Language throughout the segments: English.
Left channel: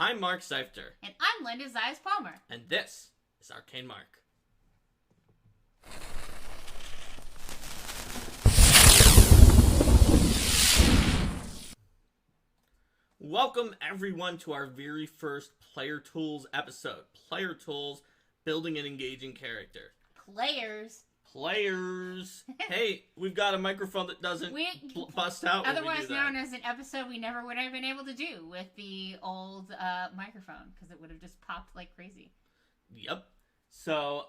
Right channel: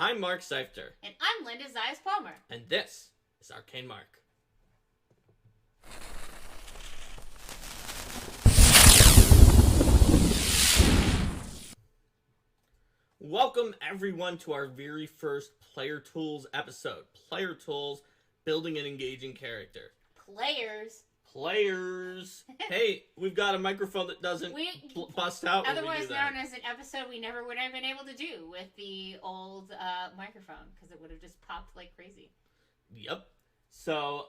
I'm Mark Seifter. And I'm Linda Zayas Palmer. And this is Arcane Mark. Welcome everyone to our very first Player Tools episode. Player Tools, building an engaging character. Players. Hey, we've got a microphone that doesn't bust out when we do Otherwise that. known as an episode we never would have been able to do with the old microphone, because it would have just popped like crazy. Yep. So,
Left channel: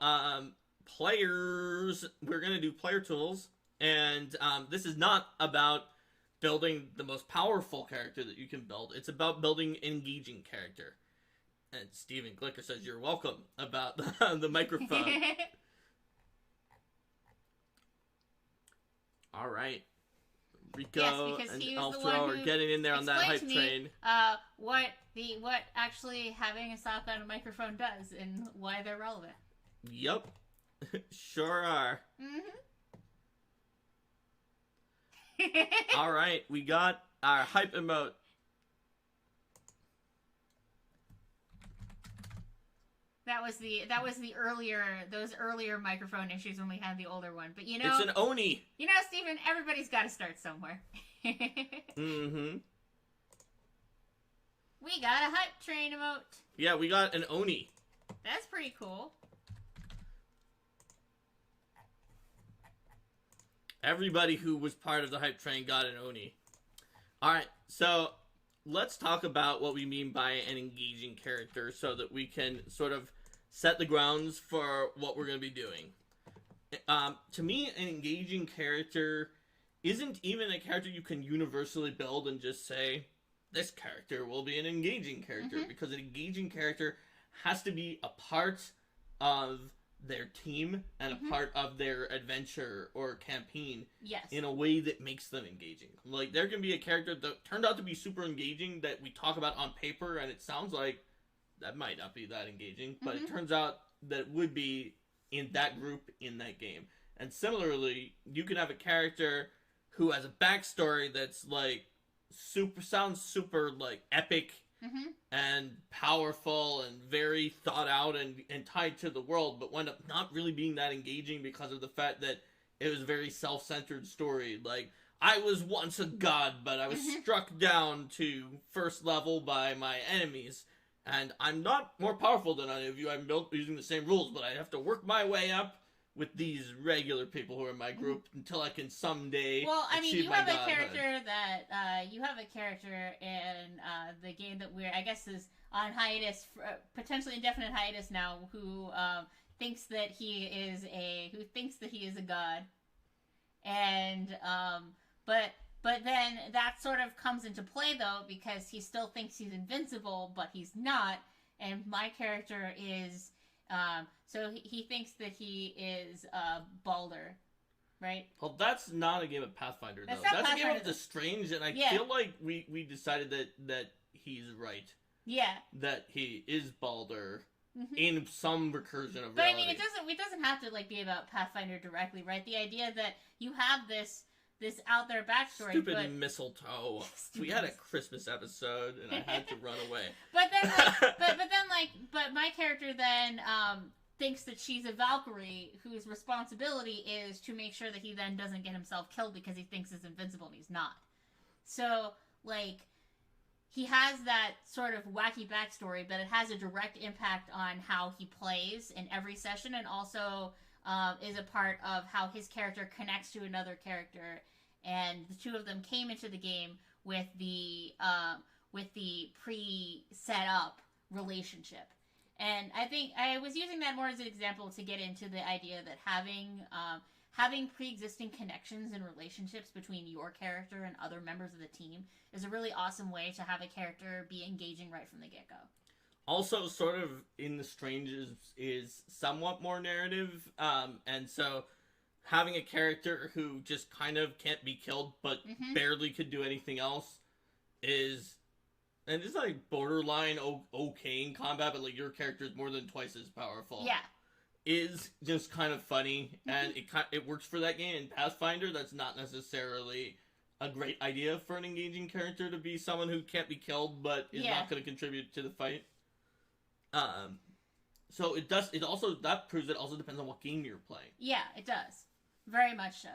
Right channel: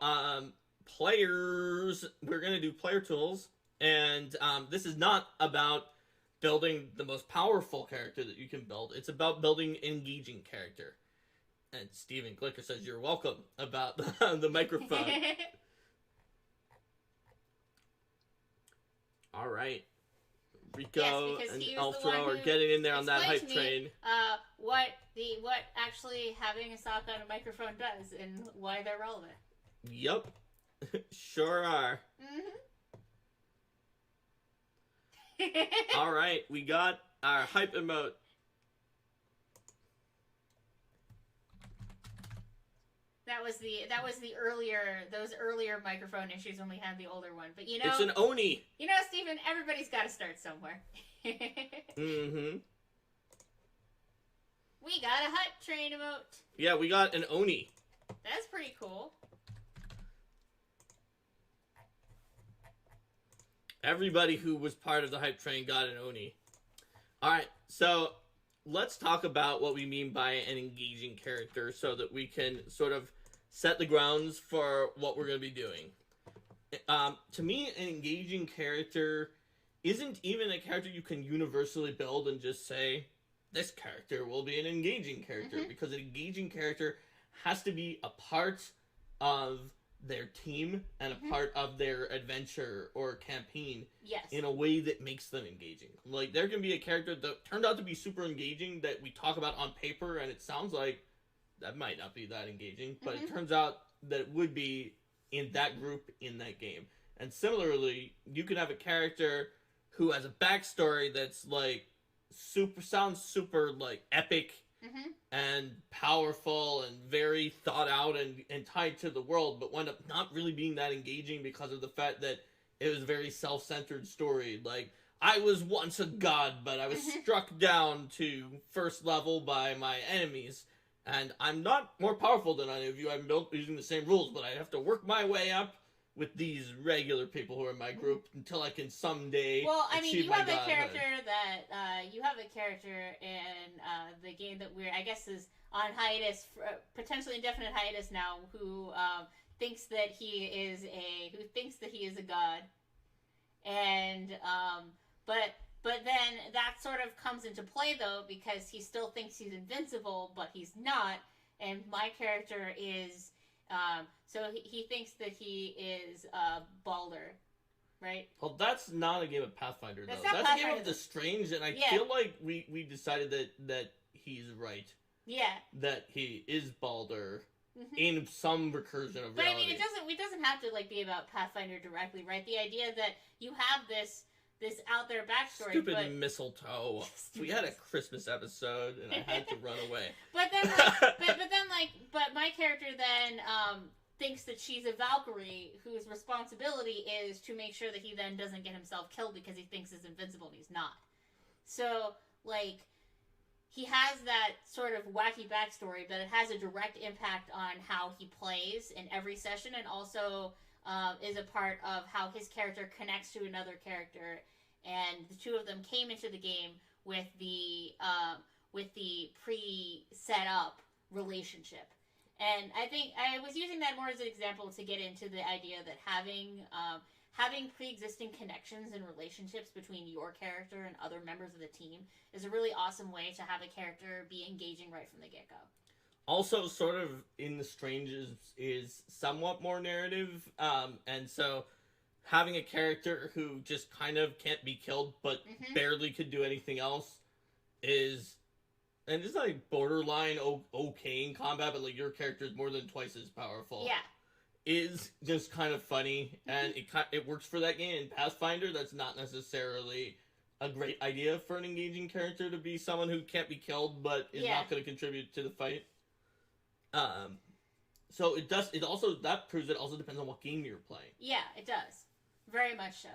players, we're going to do Player Tools, and this is not about building the most powerful character that you can build. It's about building an engaging character. And Steven Glicker says you're welcome about the microphone. All right. Rico and Elfro are getting in there on that hype train. What actually having a sock on a microphone does and why they're relevant. Yep. Sure are. All right, we got our hype emote. That was those earlier microphone issues when we had the older one. But it's an Oni. Steven, everybody's got to start somewhere. Mm-hmm. We got a hype train emote. Yeah, we got an Oni. That's pretty cool. Everybody who was part of the hype train got an Oni. Alright, so let's talk about what we mean by an engaging character so that we can sort of set the grounds for what we're going to be doing. To me, an engaging character isn't even a character you can universally build and just say, this character will be an engaging character, because an engaging character has to be a part of their team and a part of their adventure or campaign in a way that makes them engaging. Like, there can be a character that turned out to be super engaging that we talk about on paper and it sounds like that might not be that engaging, but it turns out that it would be in that group in that game. And similarly, you can have a character who has a backstory that's like sounds super like epic and powerful and very thought out and tied to the world, but wound up not really being that engaging because of the fact that it was a very self-centered story. Like, I was once a god, but I was struck down to first level by my enemies, and I'm not more powerful than any of you. I'm built using the same rules, but I have to work my way up with these regular people who are in my group until I can someday achieve you my have a godhood. character in the game that I guess is on hiatus, potentially indefinite hiatus now, who thinks that he is a god, and but then that sort of comes into play though, because he still thinks he's invincible, but he's not, and my character is. So he thinks that he is Baldur, right? Well, that's not a game of Pathfinder, though. That's a game of The Strange, and I feel like we decided that he's right. Yeah. That he is Baldur in some recursion of reality. But I mean, it doesn't have to like be about Pathfinder directly, right? The idea that you have this out there backstory. Stupid mistletoe. We had a Christmas episode, and I had to run away. But my character then thinks that she's a Valkyrie whose responsibility is to make sure that he then doesn't get himself killed because he thinks he's invincible and he's not. So, like, he has that sort of wacky backstory, but it has a direct impact on how he plays in every session, and also is a part of how his character connects to another character, and the two of them came into the game with the pre-set up relationship. And I think I was using that more as an example to get into the idea that having pre-existing connections and relationships between your character and other members of the team is a really awesome way to have a character be engaging right from the get-go. Also, sort of in The Strange is somewhat more narrative, and so having a character who just kind of can't be killed but barely could do anything else is, and it's like borderline okay in combat, but like your character is more than twice as powerful. Yeah. Is just kind of funny, and it works for that game. In Pathfinder, that's not necessarily a great idea for an engaging character to be someone who can't be killed but is not going to contribute to the fight. So that proves it also depends on what game you're playing. Yeah, it does. Very much so.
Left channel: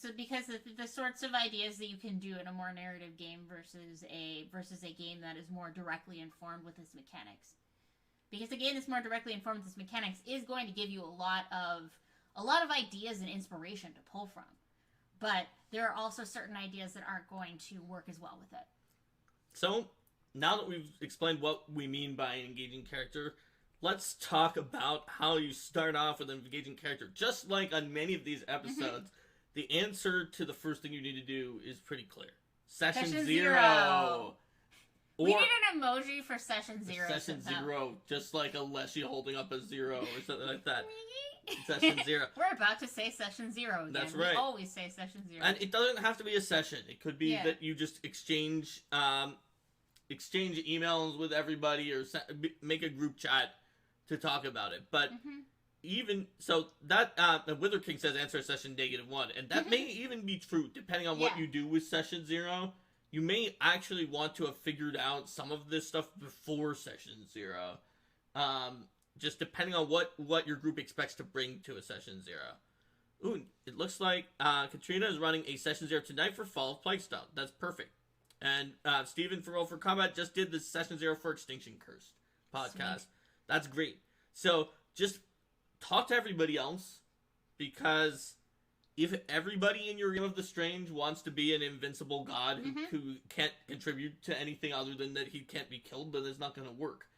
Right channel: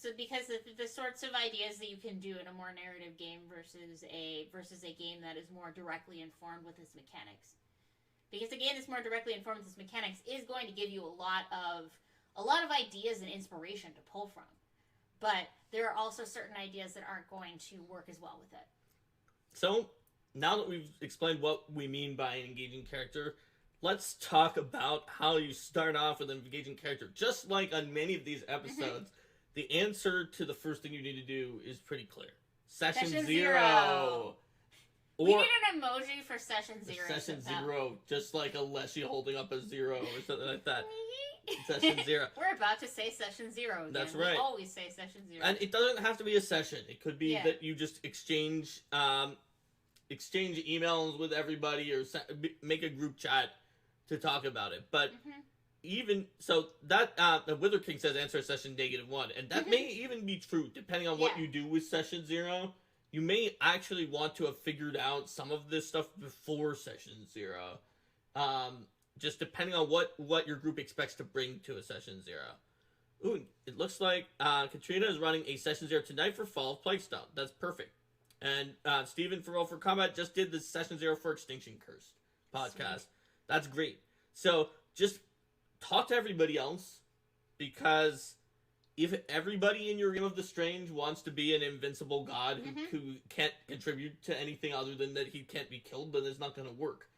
So because the sorts of ideas that you can do in a more narrative game versus a game that is more directly informed with its mechanics. Because a game that's more directly informed with its mechanics is going to give you a lot of ideas and inspiration to pull from. But there are also certain ideas that aren't going to work as well with it. So, now that we've explained what we mean by an engaging character, let's talk about how you start off with an engaging character. Just like on many of these episodes, the answer to the first thing you need to do is pretty clear. Session zero. We need an emoji for session zero. Session zero, just like a Leshy holding up a zero or something like that. Session zero. We're about to say session zero again. That's right. We always say session zero. And it doesn't have to be a session. It could be that you just exchange emails with everybody or make a group chat to talk about it. But even so, that Wither King says answer session -1, and that may even be true depending on what you do with session zero. You may actually want to have figured out some of this stuff before session zero, just depending on what your group expects to bring to a session zero. Ooh, it looks like Katrina is running a session zero tonight for Fall of Plaguestone. That's perfect. And Steven for Roll for Combat just did the session zero for Extinction Cursed podcast. Sweet. That's great. So just talk to everybody else, because if everybody in your Game of the Strange wants to be an invincible god who can't contribute to anything other than that he can't be killed, then it's not going to work.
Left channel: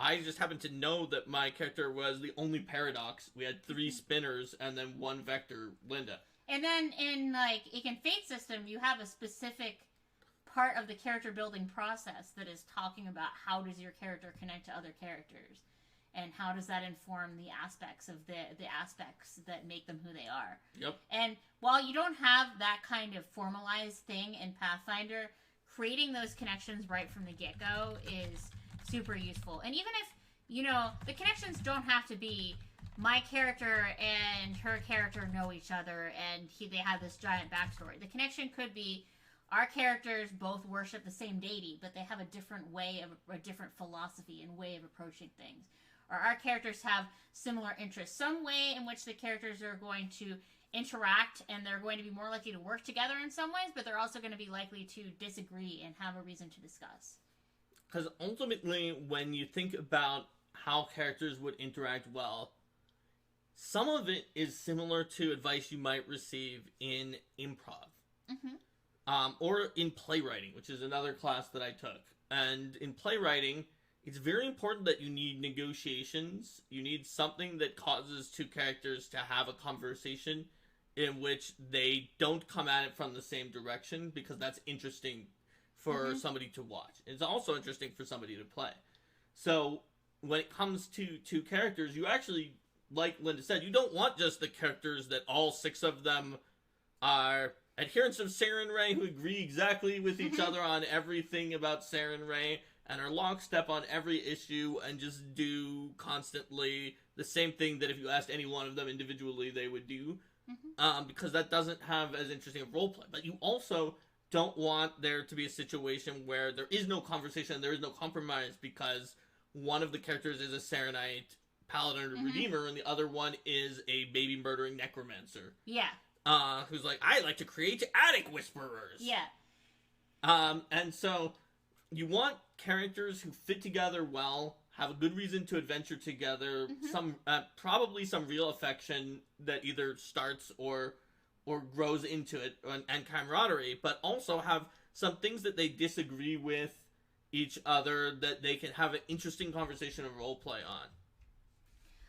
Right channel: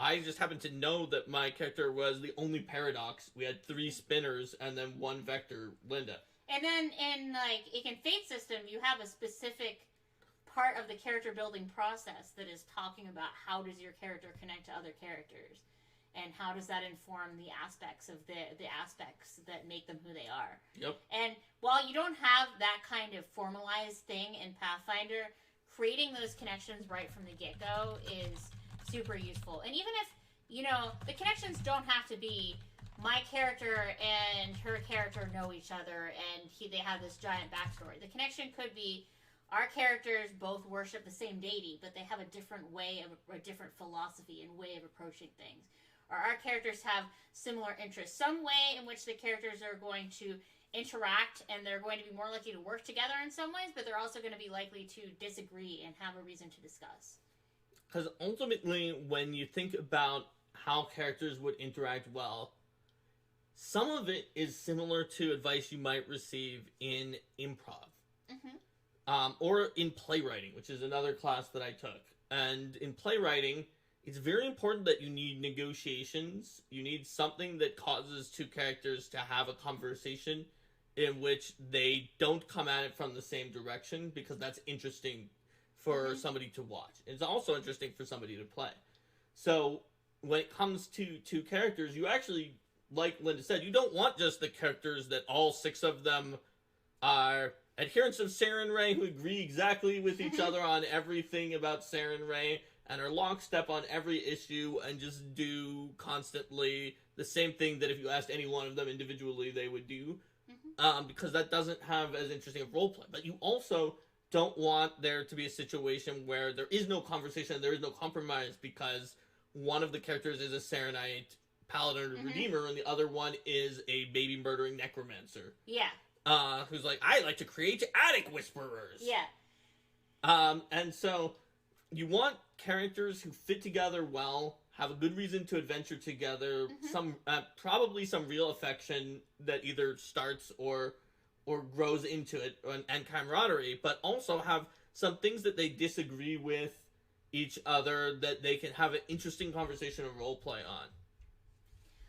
I just happen to know that my character was the only paradox. We had 3 spinners and then 1 vector, Linda. And then in Fate system, you have a specific part of the character building process that is talking about how does your character connect to other characters. And how does that inform the aspects of the aspects that make them who they are? Yep. And while you don't have that kind of formalized thing in Pathfinder, creating those connections right from the get-go is super useful. And even if, the connections don't have to be my character and her character know each other and they have this giant backstory. The connection could be our characters both worship the same deity, but they have a different way of a different philosophy and way of approaching things. Or our characters have similar interests. Some way in which the characters are going to interact, and they're going to be more likely to work together in some ways, but they're also going to be likely to disagree and have a reason to discuss. Because ultimately, when you think about how characters would interact well, some of it is similar to advice you might receive in improv. Or in playwriting, which is another class that I took. And in playwriting, it's very important that you need negotiations. You need something that causes 2 characters to have a conversation in which they don't come at it from the same direction, because that's interesting for somebody to watch. It's also interesting for somebody to play. So when it comes to 2 characters, you actually, like Linda said, you don't want just the characters that all 6 of them are adherents of Sarenrae who agree exactly with each other on everything about Sarenrae and are lockstep on every issue and just do constantly the same thing that if you asked any one of them individually they would do, because that doesn't have as interesting a roleplay. But you also don't want there to be a situation where there is no conversation, there is no compromise, because one of the characters is a Sarenite paladin or redeemer and the other one is a baby murdering necromancer. Yeah. Who's like, I like to create attic whisperers. Yeah. And so you want characters who fit together well, have a good reason to adventure together, probably some real affection that either starts or grows into it, and camaraderie, but also have some things that they disagree with each other that they can have an interesting conversation and role play on.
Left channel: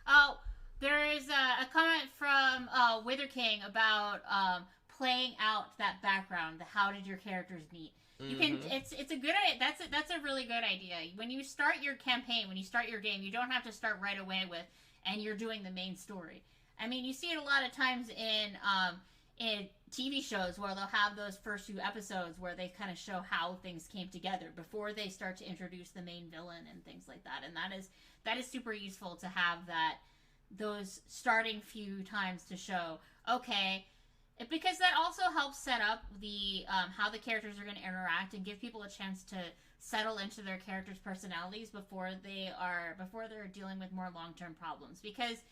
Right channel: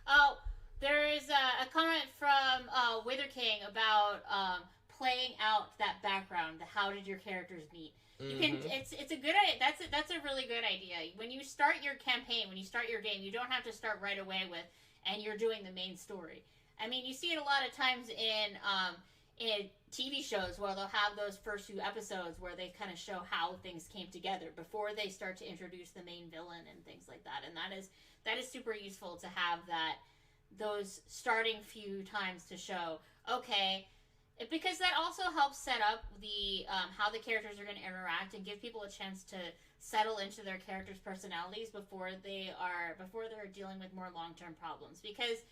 Oh, there is a comment from Wither King about playing out that background. How did your characters meet? You can. It's a good. That's a really good idea. When you start your campaign, when you start your game, you don't have to start right away with, and you're doing the main story. I mean, you see it a lot of times in TV shows where they'll have those first few episodes where they kind of show how things came together before they start to introduce the main villain and things like that. And that is super useful to have those starting few times to show, okay, Because that also helps set up the how the characters are going to interact and give people a chance to settle into their characters' personalities before they're dealing with more long-term problems. Because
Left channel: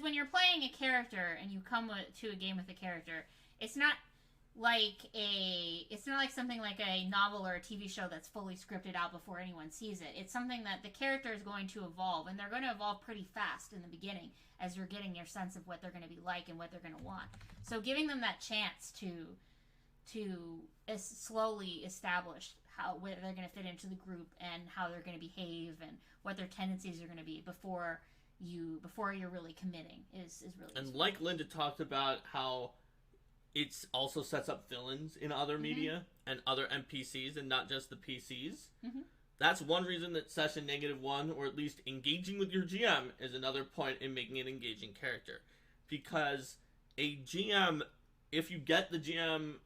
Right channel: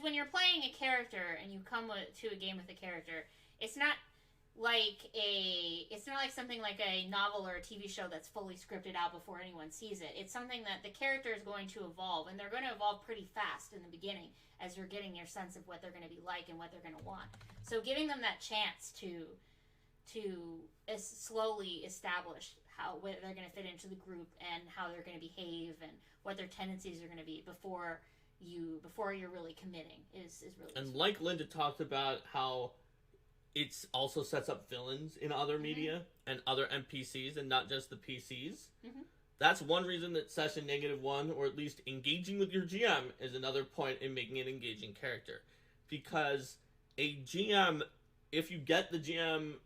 when you're playing a character and you come to a game with a character, it's not like something like a novel or a TV show that's fully scripted out before anyone sees it. It's something that the character is going to evolve, and they're going to evolve pretty fast in the beginning as you're getting your sense of what they're going to be like and what they're going to want. So giving them that chance to slowly establish where they're going to fit into the group and how they're going to behave and what their tendencies are going to be before you're really committing is really. And like Linda talked about how it also sets up villains in other media and other NPCs and not just the PCs. That's one reason that Session -1, or at least engaging with your GM, is another point in making an engaging character. Because a GM, if you get the GM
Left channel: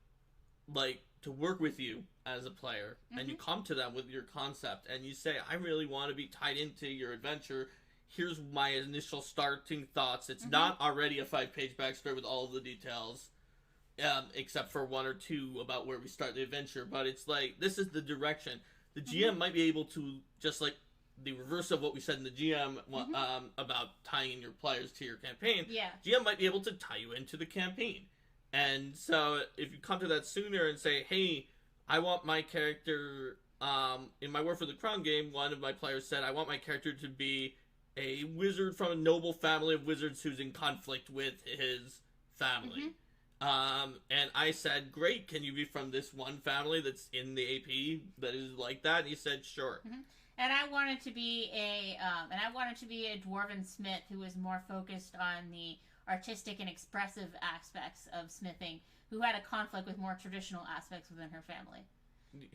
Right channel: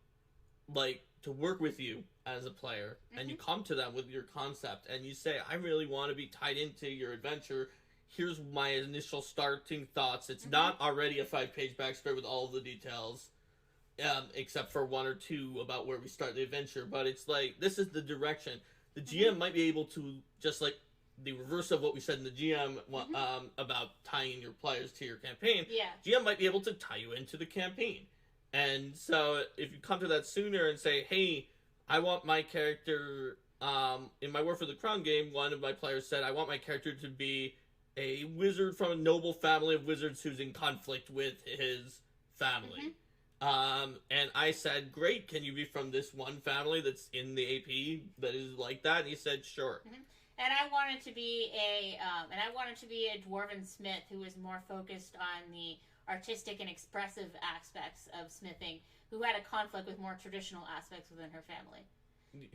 to work with you as a player, and you come to them with your concept, and you say, I really want to be tied into your adventure, here's my initial starting thoughts. It's not already a 5-page backstory with all of the details. Except for 1 or 2 about where we start the adventure, but it's like, this is the direction. The GM might be able to, just like the reverse of what we said in the GM about tying your players to your campaign, GM might be able to tie you into the campaign. And so if you come to that sooner and say, hey, I want my character, in my War for the Crown game, one of my players said, I want my character to be a wizard from a noble family of wizards who's in conflict with his family. And I said, great, can you be from this one family that's in the AP that is like that? And he said, sure. And I wanted to be a dwarven smith who was more focused on the artistic and expressive aspects of smithing, who had a conflict with more traditional aspects within her family.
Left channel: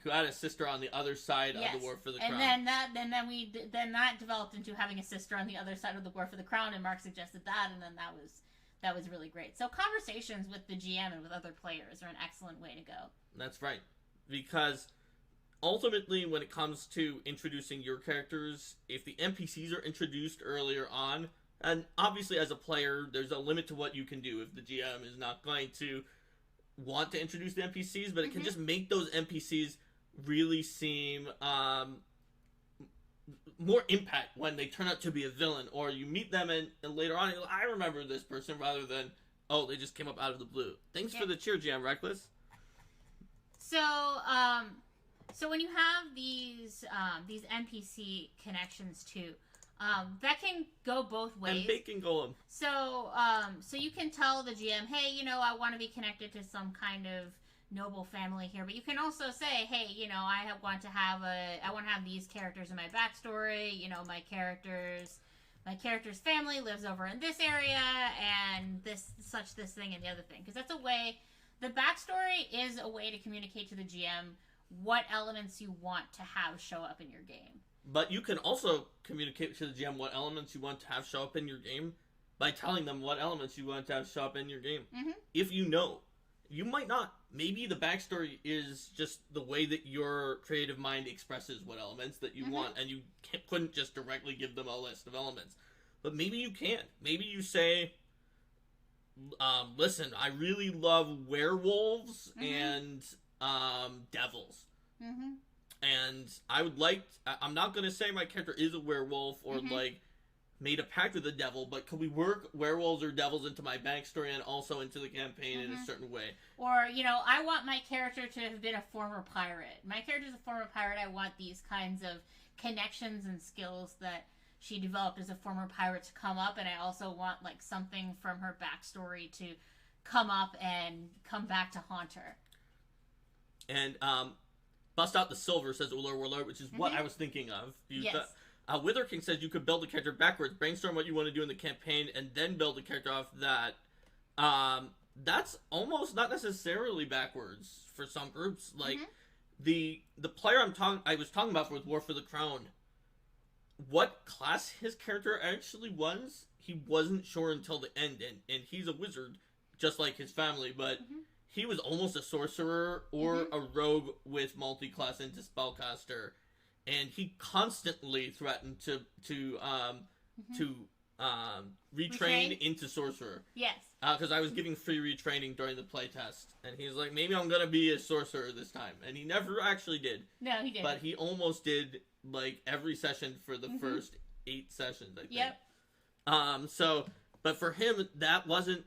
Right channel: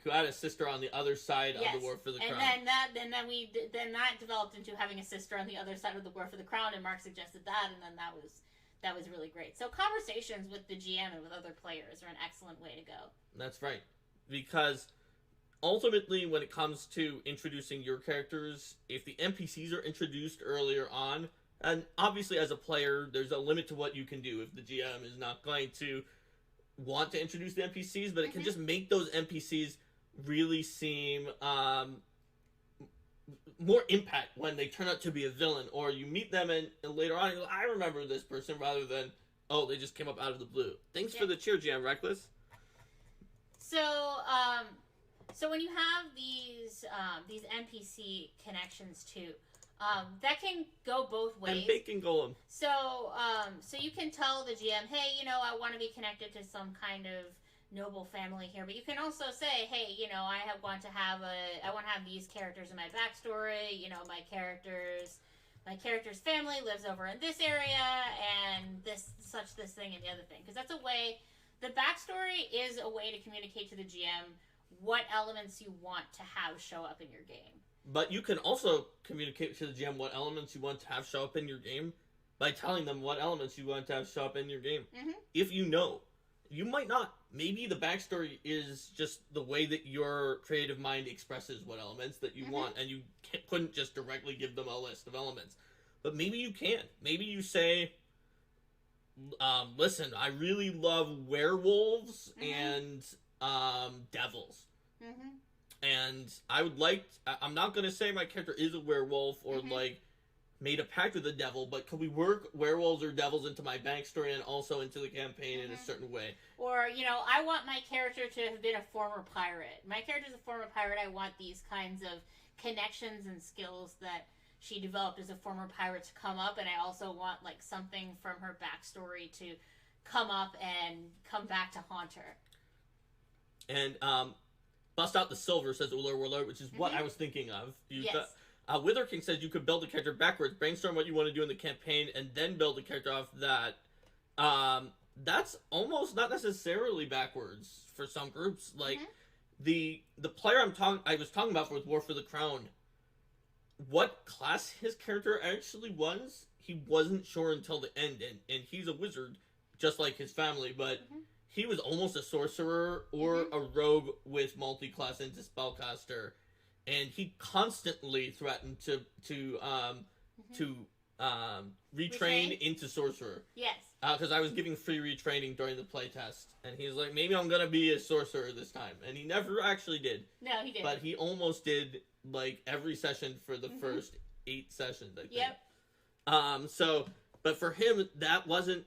Who had a sister on the other side of the War for the Crown. And then that developed into having a sister on the other side of the War for the Crown, and Mark suggested that, and then that was really great. So conversations with the GM and with other players are an excellent way to go. That's right. Because ultimately, when it comes to introducing your characters, if the NPCs are introduced earlier on, and obviously as a player, there's a limit to what you can do if the GM is not going to want to introduce the NPCs, but it can just make those NPCs really seem more impact when they turn out to be a villain, or you meet them and later on, you're like, I remember this person, rather than, oh, they just came up out of the blue. Thanks for the cheer, GM Reckless. So when you have these NPC connections too, that can go both ways. And Bacon Golem. So you can tell the GM, hey, I want to be connected to some kind of noble family here, but you can also say, hey, I want to have these characters in my backstory. My character's family lives over in this area, and this thing and the other thing, because that's a way. The backstory is a way to communicate to the GM what elements you want to have show up in your game. But you can also communicate to the GM what elements you want to have show up in your game by telling them what elements you want to have show up in your game. If you know. You might not. Maybe the backstory is just the way that your creative mind expresses what elements that you want, and you couldn't just directly give them a list of elements. But maybe you can. Maybe you say, listen, I really love werewolves and devils. And I would like... I'm not going to say my character is a werewolf or, made a pact with the devil, but can we work werewolves or devils into my backstory and also into the campaign in a certain way? Or, I want my character to have been a former pirate. My character's a former pirate. I want these kinds of connections and skills that she developed as a former pirate to come up, and I also want, something from her backstory to come up and come back to haunt her. And, Bust Out the Silver, says Ular Warlord, which is what I was thinking of. Yes. Wither King says you could build a character backwards, brainstorm what you want to do in the campaign, and then build a character off that. That's almost not necessarily backwards for some groups. The player I was talking about with War for the Crown, what class his character actually was, he wasn't sure until the end, and he's a wizard, just like his family, but he was almost a sorcerer or a rogue with multi-class into spellcaster. And he constantly threatened to retrain into sorcerer. Yes. Because I was giving free retraining during the playtest, and he's like, maybe I'm gonna be a sorcerer this time, and he never actually did. No, he didn't. But he almost did, like, every session for the first 8 sessions, I think. Yep. But for him, that wasn't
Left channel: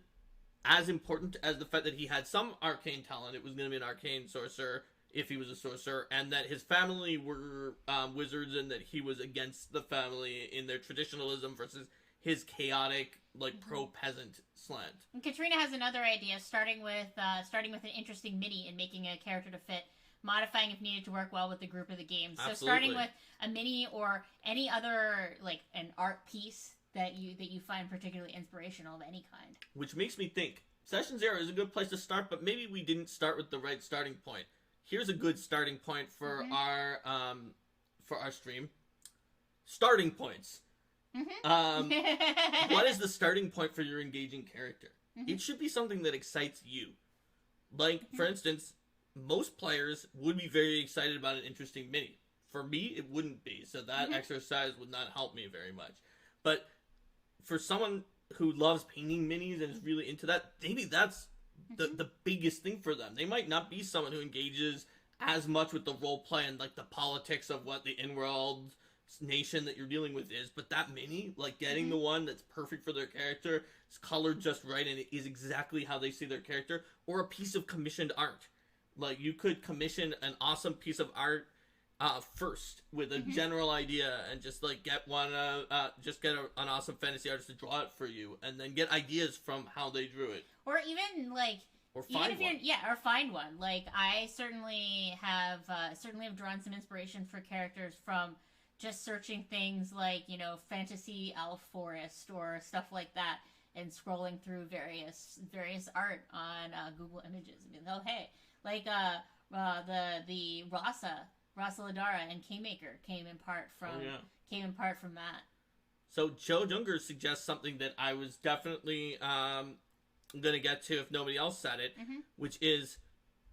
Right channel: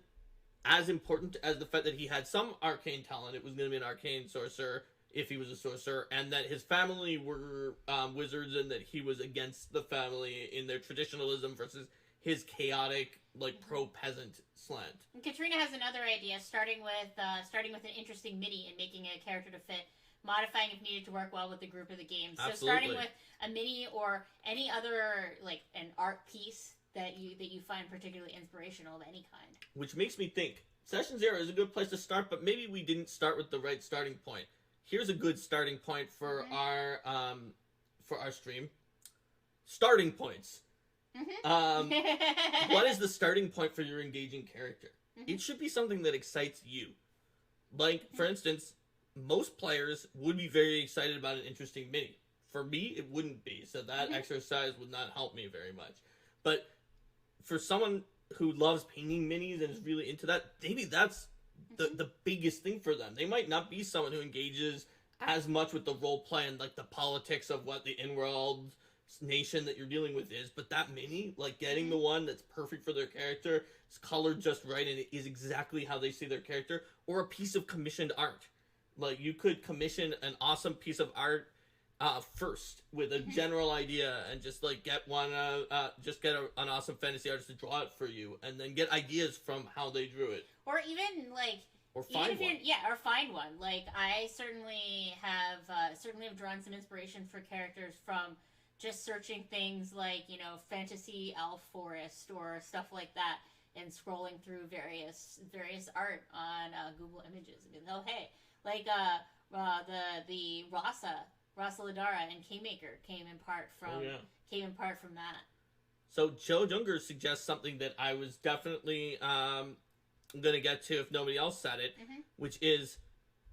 as important as the fact that he had some arcane talent. It was gonna be an arcane sorcerer if he was a sorcerer, and that his family were wizards, and that he was against the family in their traditionalism versus his chaotic, like, pro-peasant slant. And Katrina has another idea, starting with an interesting mini and making a character to fit, modifying if needed to work well with the group of the game. So Absolutely. starting with a mini or any other, like, an art piece that you find particularly inspirational of any kind. Which makes me think, Session 0 is a good place to start, but maybe we didn't start with the right starting point. Here's a good starting point for our stream. Starting points. What is the starting point for your engaging character? It should be something that excites you. Like, for instance, most players would be very excited about an interesting mini. For me, it wouldn't be, so that exercise would not help me very much. But for someone who loves painting minis and is really into that, maybe that's the biggest thing for them. They might not be someone who engages as much with the role play and, like, the politics of what the in-world nation that you're dealing with is, but that mini, like, getting the one that's perfect for their character, is colored just right, and it is exactly how they see their character, or a piece of commissioned art. Like, you could commission an awesome piece of art first with a general idea, and just, like, get an awesome fantasy artist to draw it for you, and then get ideas from how they drew it. Or even, like, or find one. Or find one. Like, I certainly have drawn some inspiration for characters from just searching things like, you know, fantasy elf forest or stuff like that, and scrolling through various art on Google Images. I mean, oh hey, like the Rasa Ladara and Kingmaker came in part from that. So Joe Junger suggests something that I was definitely gonna get to if nobody else said it, which is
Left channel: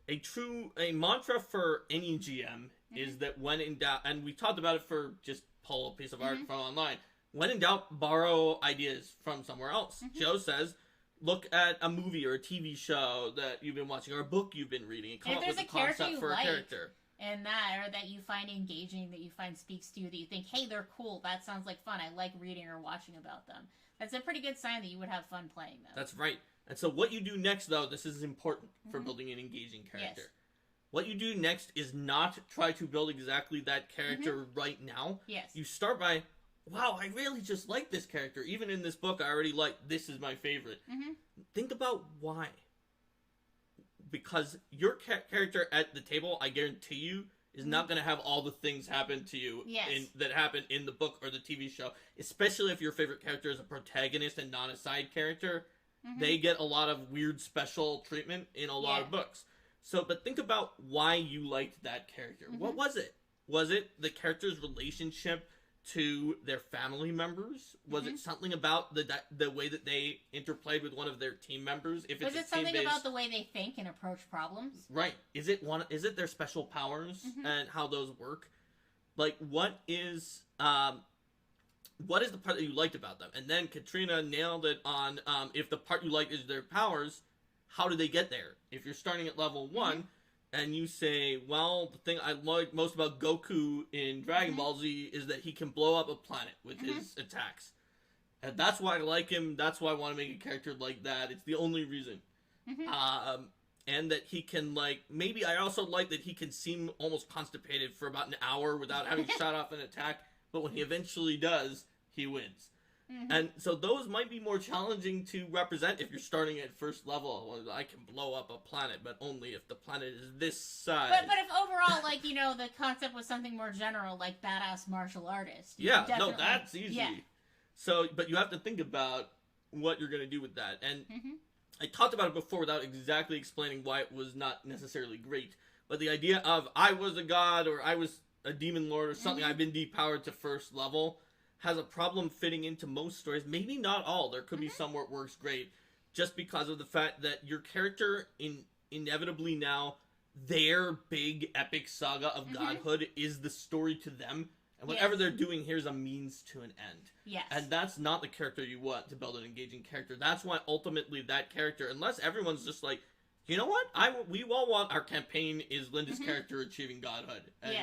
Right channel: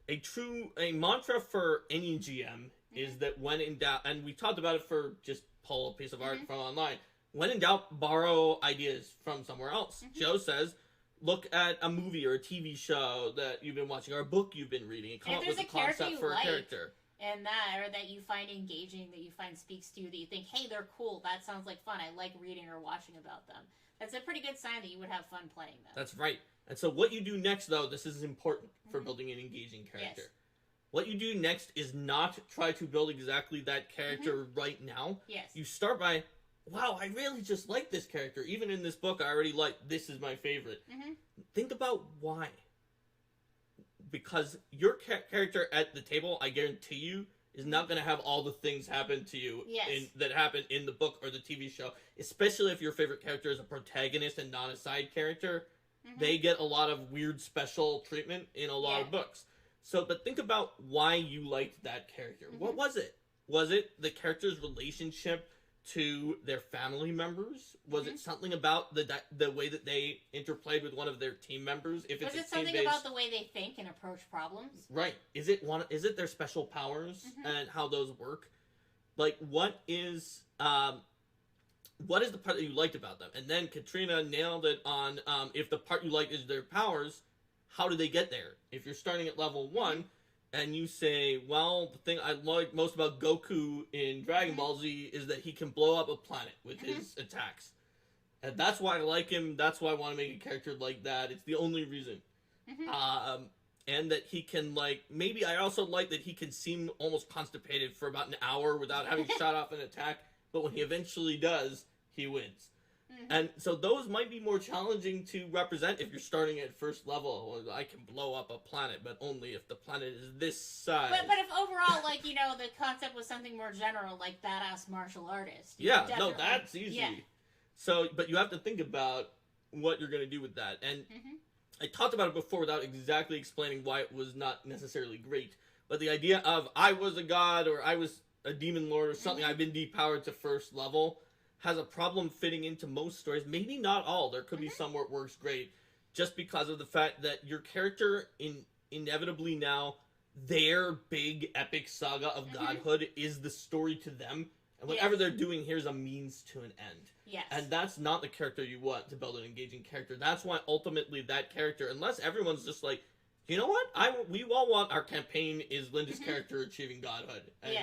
a mantra for any GM is that when in doubt, and we talked about it for just pull a piece of art from online, when in doubt, borrow ideas from somewhere else. Joe says, look at a movie or a TV show that you've been watching or a book you've been reading and come up with a concept for a character. And that, or that you find engaging, that you find speaks to you, that you think, hey, they're cool, that sounds like fun, I like reading or watching about them. That's a pretty good sign that you would have fun playing them. That's right. And so what you do next, though, this is important for building an engaging character. Yes. What you do next is not try to build exactly that character right now. Yes. You start by, wow, I really just like this character. Even in this book, I already like, this is my favorite. Think about why. Because your character at the table, I guarantee you, is not going to have all the things happen to you that happen in the book or the TV show. Especially if your favorite character is a protagonist and not a side character. They get a lot of weird special treatment in a lot of books. So, but think about why you liked that character. What was it? Was it the character's relationship to their family members? Was it something about the way that they interplayed with one of their team members? If it's was it something about the way they think and approach problems? Right. Is it their special powers and how those work? Like, what is the part that you liked about them? And then Katrina nailed it on if the part you liked is their powers, how do they get there? If you're starting at level 1 and you say, well, the thing I like most about Goku in Dragon Ball Z is that he can blow up a planet with his attacks. And that's why I like him. That's why I want to make a character like that. It's the only reason. And that he can, like, maybe I also like that he can seem almost constipated for about an hour without having shot off an attack. But when he eventually does, he wins. And so those might be more challenging to represent if you're starting at first level. I can blow up a planet, but only if the planet is this size. But if overall, like, you know, the concept was something more general, like badass martial artist. Yeah, no, that's easy. Yeah. So, but you have to think about what you're going to do with that. And I talked about it before without exactly explaining why it was not necessarily great. But the idea of I was a god or I was a demon lord or something, I've been depowered to first level, has a problem fitting into most stories. Maybe not all. There could be some where it works great. Just because of the fact that your character, inevitably now, their big epic saga of godhood is the story to them. And whatever Yes. they're doing here is a means to an end. Yes. And that's not the character you want to build an engaging character. That's why ultimately that character, unless everyone's just like, you know what? We all want our campaign is Linda's character achieving godhood. And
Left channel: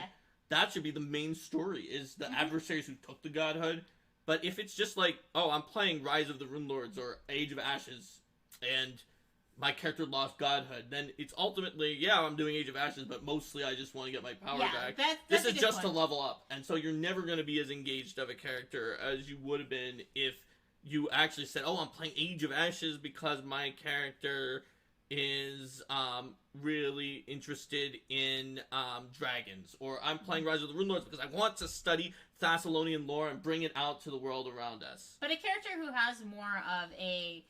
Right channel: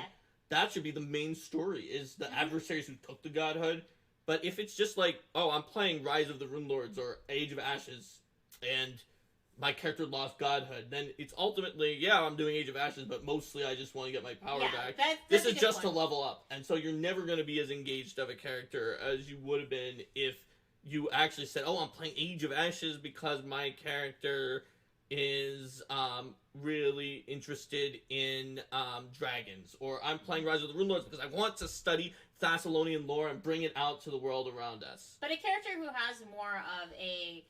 that should be the main story, is the adversaries who took the godhood. But if it's just like, oh, I'm playing Rise of the Runelords or Age of Ashes, and my character lost godhood, then it's ultimately, yeah, I'm doing Age of Ashes, but mostly I just want to get my power back. This is just to level up. And so you're never going to be as engaged of a character as you would have been if you actually said, oh, I'm playing Age of Ashes because my character is really interested in dragons, or I'm playing Rise of the Runelords because I want to study Thessalonian lore and bring it out to the world around us. But a character who has more of a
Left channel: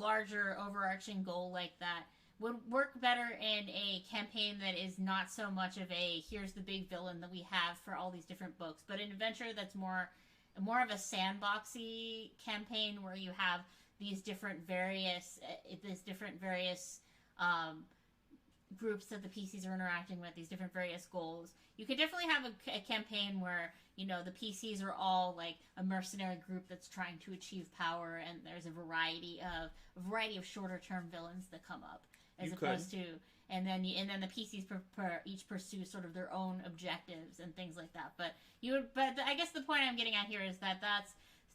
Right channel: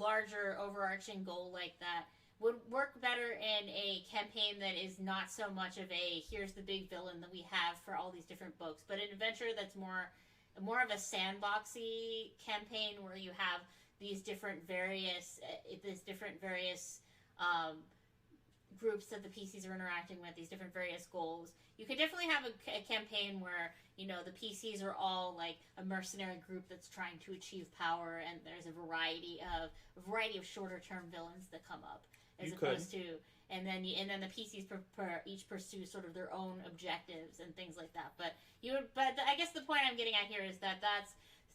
larger overarching goal like that would work better in a campaign that is not so much of a here's the big villain that we have for all these different books, but an adventure that's more of a sandboxy campaign where you have these different various groups that the PCs are interacting with, these different various goals. You could definitely have a campaign where, you know, the PCs are all like a mercenary group that's trying to achieve power, and there's a variety of shorter term villains that come up, as opposed to, and then the PCs each pursue sort of their own objectives and things like that. But I guess the point I'm getting at here is that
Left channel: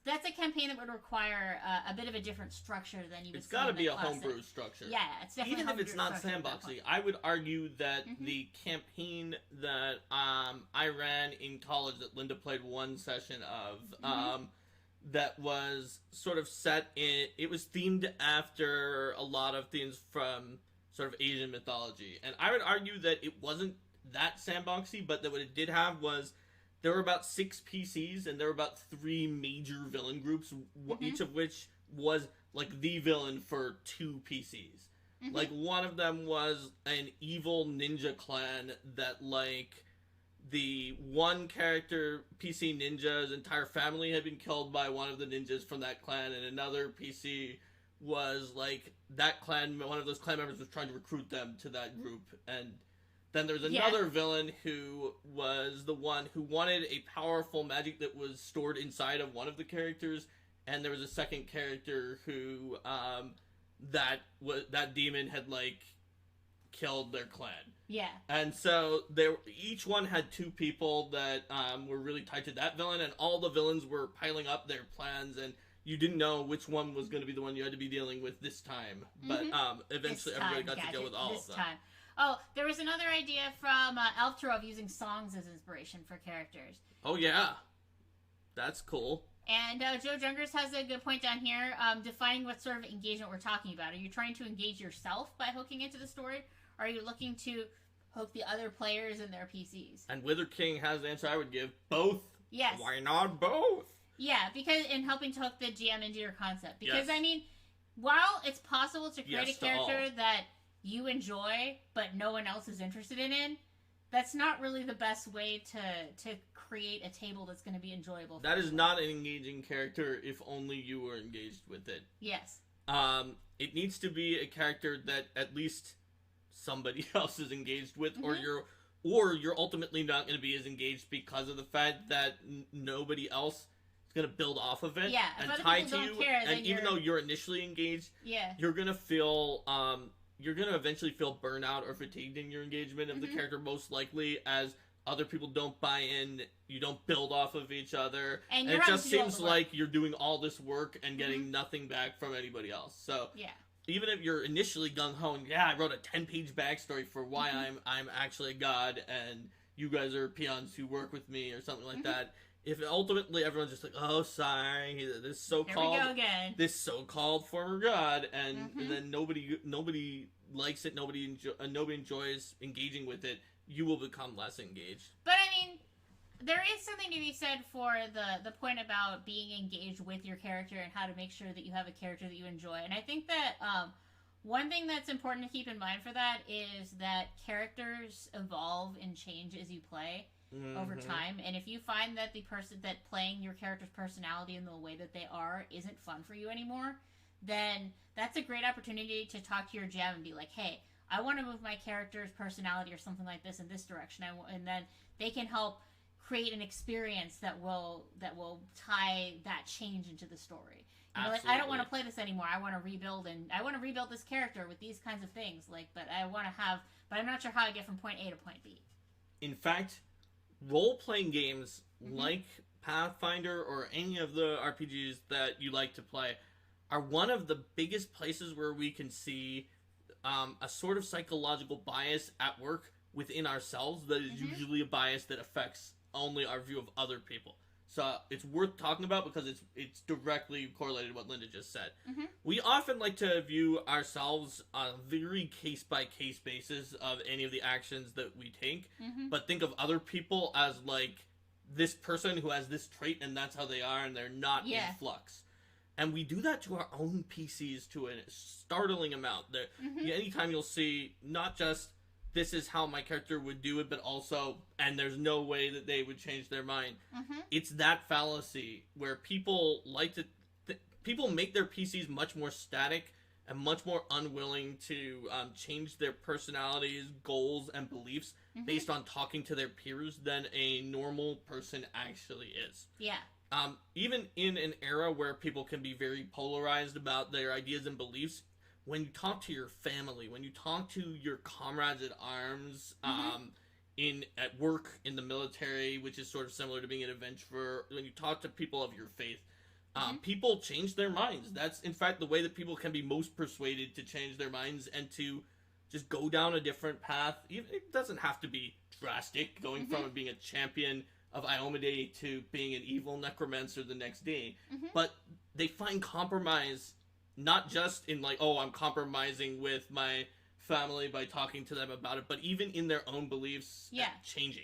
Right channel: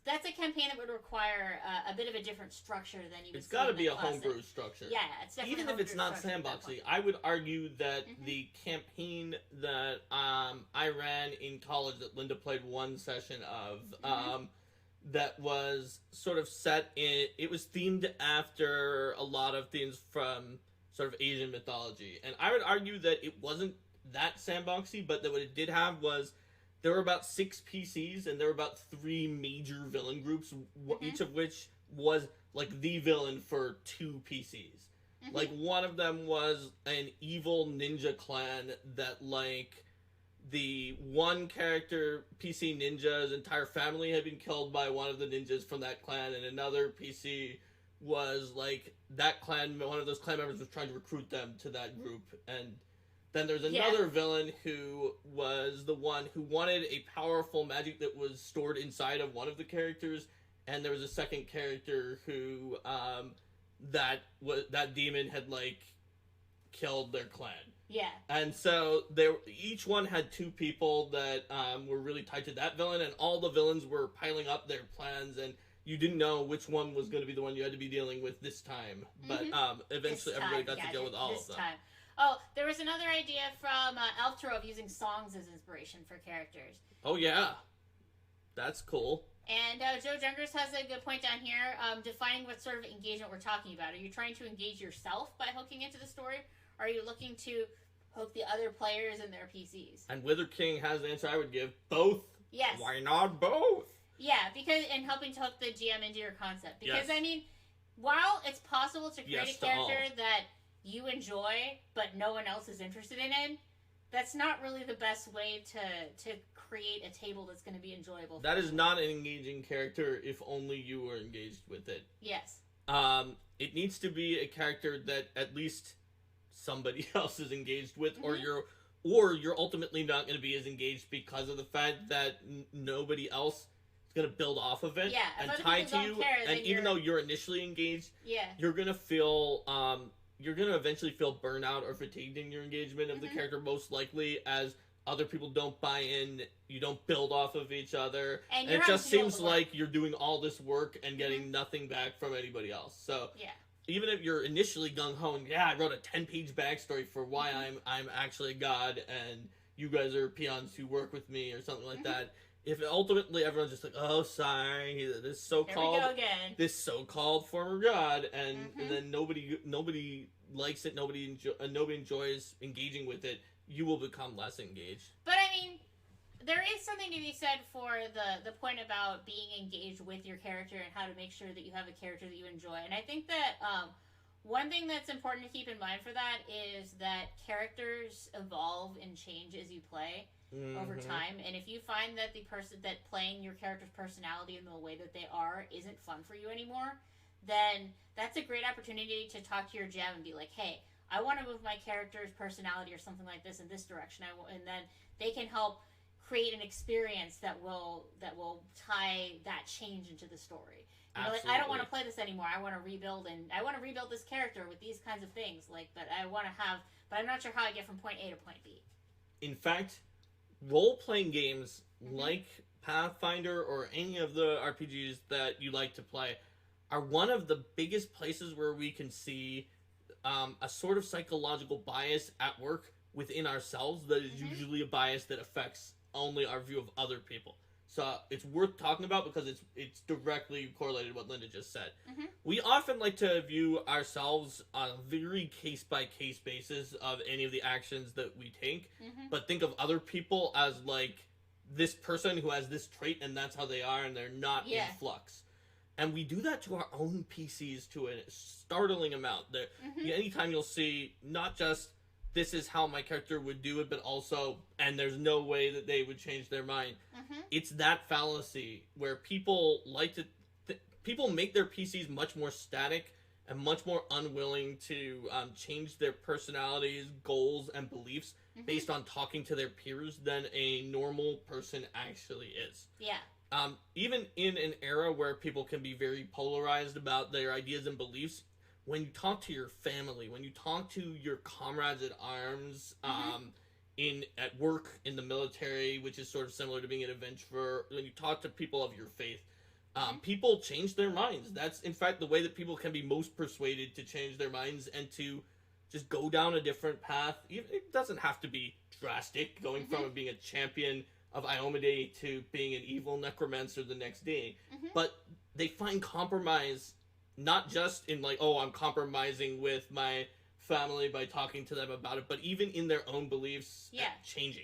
that's a campaign that would require a bit of a different structure than you would. It's got to be a homebrew structure. Yeah, it's definitely even if it's not sandboxy. I would argue that the campaign that I ran in college that Linda played one session of, that was sort of set in. It was themed after a lot of themes from sort of Asian mythology, and I would argue that it wasn't that sandboxy, but that what it did have was, there were about 6 PCs, and there were about 3 major villain groups, each of which was, like, the villain for 2 PCs. Like, one of them was an evil ninja clan that, like, the one character, PC ninja's entire family had been killed by one of the ninjas from that clan, and another PC was, like, that clan, one of those clan members was trying to recruit them to that group, and then there's another villain who was the one who wanted a powerful magic that was stored inside of one of the characters, and there was a second character who, that demon had, like, killed their clan. Yeah. And so each one had 2 people that were really tied to that villain, and all the villains were piling up their plans, and you didn't know which one was going to be the one you had to be dealing with this time. But eventually everybody got to deal with all of them. Oh, there was another idea from Elftro of using songs as inspiration for characters. Oh, yeah. That's cool. And Joe Jungers has a good point down here, defining what sort of engagement we're talking about. Are you trying to engage yourself by hooking into the story? Or are you looking to hook the other players and their PCs? And Wither King has the answer I would give. Both. Yes. Why not both? Yeah, because in helping to hook the GM into your concept. Because, I mean, while it's possible to create a character that you enjoy, but no one else is interested in it, that's not really the best way to create a table that's going to be enjoyable. That is not an engaging character if only you were engaged with it. Yes. It needs to be a character that at least somebody else is engaged with, or you're ultimately not going to be as engaged because of the fact that nobody else is going to build off of it and tie to you. And even though you're initially engaged, you're going to feel you're going to eventually feel burnout or fatigued in your engagement of the character, most likely, as other people don't buy in, you don't build off of each other, and it just seems like you're doing all this work and getting nothing back from anybody else. So even if you're initially gung-ho and, I wrote a 10-page backstory for why I'm actually a god, and you guys are peons who work with me, or something like that, if ultimately everyone's just like, oh, sorry, this so-called former god, and then nobody likes it, nobody enjoys engaging with it, you will become less engaged. But I mean, there is something to be said for the point about being engaged with your character and how to make sure that you have a character that you enjoy. And I think that one thing that's important to keep in mind for that is that characters evolve and change as you play over time. And if you find that the person that playing your character's personality in the way that they are isn't fun for you anymore, then that's a great opportunity to talk to your GM and be like, hey, I want to move my character's personality or something like this in this direction. And then they can help create an experience that will tie that change into the story. You know, like, Absolutely. I don't want to play this anymore. I want to rebuild this character with these kinds of things. Like, but I'm not sure how I get from point A to point B. In fact, role-playing games like Pathfinder or any of the RPGs that you like to play are one of the biggest places where we can see a sort of psychological bias at work within ourselves that is usually a bias that affects only our view of other people. So it's worth talking about because it's directly correlated to what Linda just said. We often like to view ourselves on a very case-by-case basis of any of the actions that we take, but think of other people as like this person who has this trait and that's how they are and they're not in flux. And we do that to our own PCs to a startling amount. Anytime you'll see not just this is how my character would do it, but also, and there's no way that they would change their mind. It's that fallacy where people like to, people make their PCs much more static and much more unwilling to change their personalities, goals, and beliefs based on talking to their peers than a normal person actually is. Yeah. Even in an era where people can be very polarized about their ideas and beliefs, when you talk to your family, when you talk to your comrades at arms, at work, in the military, which is sort of similar to being an adventurer, when you talk to people of your faith, people change their minds. That's, in fact, the way that people can be most persuaded to change their minds and to just go down a different path. It doesn't have to be drastic, going from being a champion of Iomedae to being an evil necromancer the next day. But they find compromise not just in like, oh, I'm compromising with my family by talking to them about it, but even in their own beliefs changing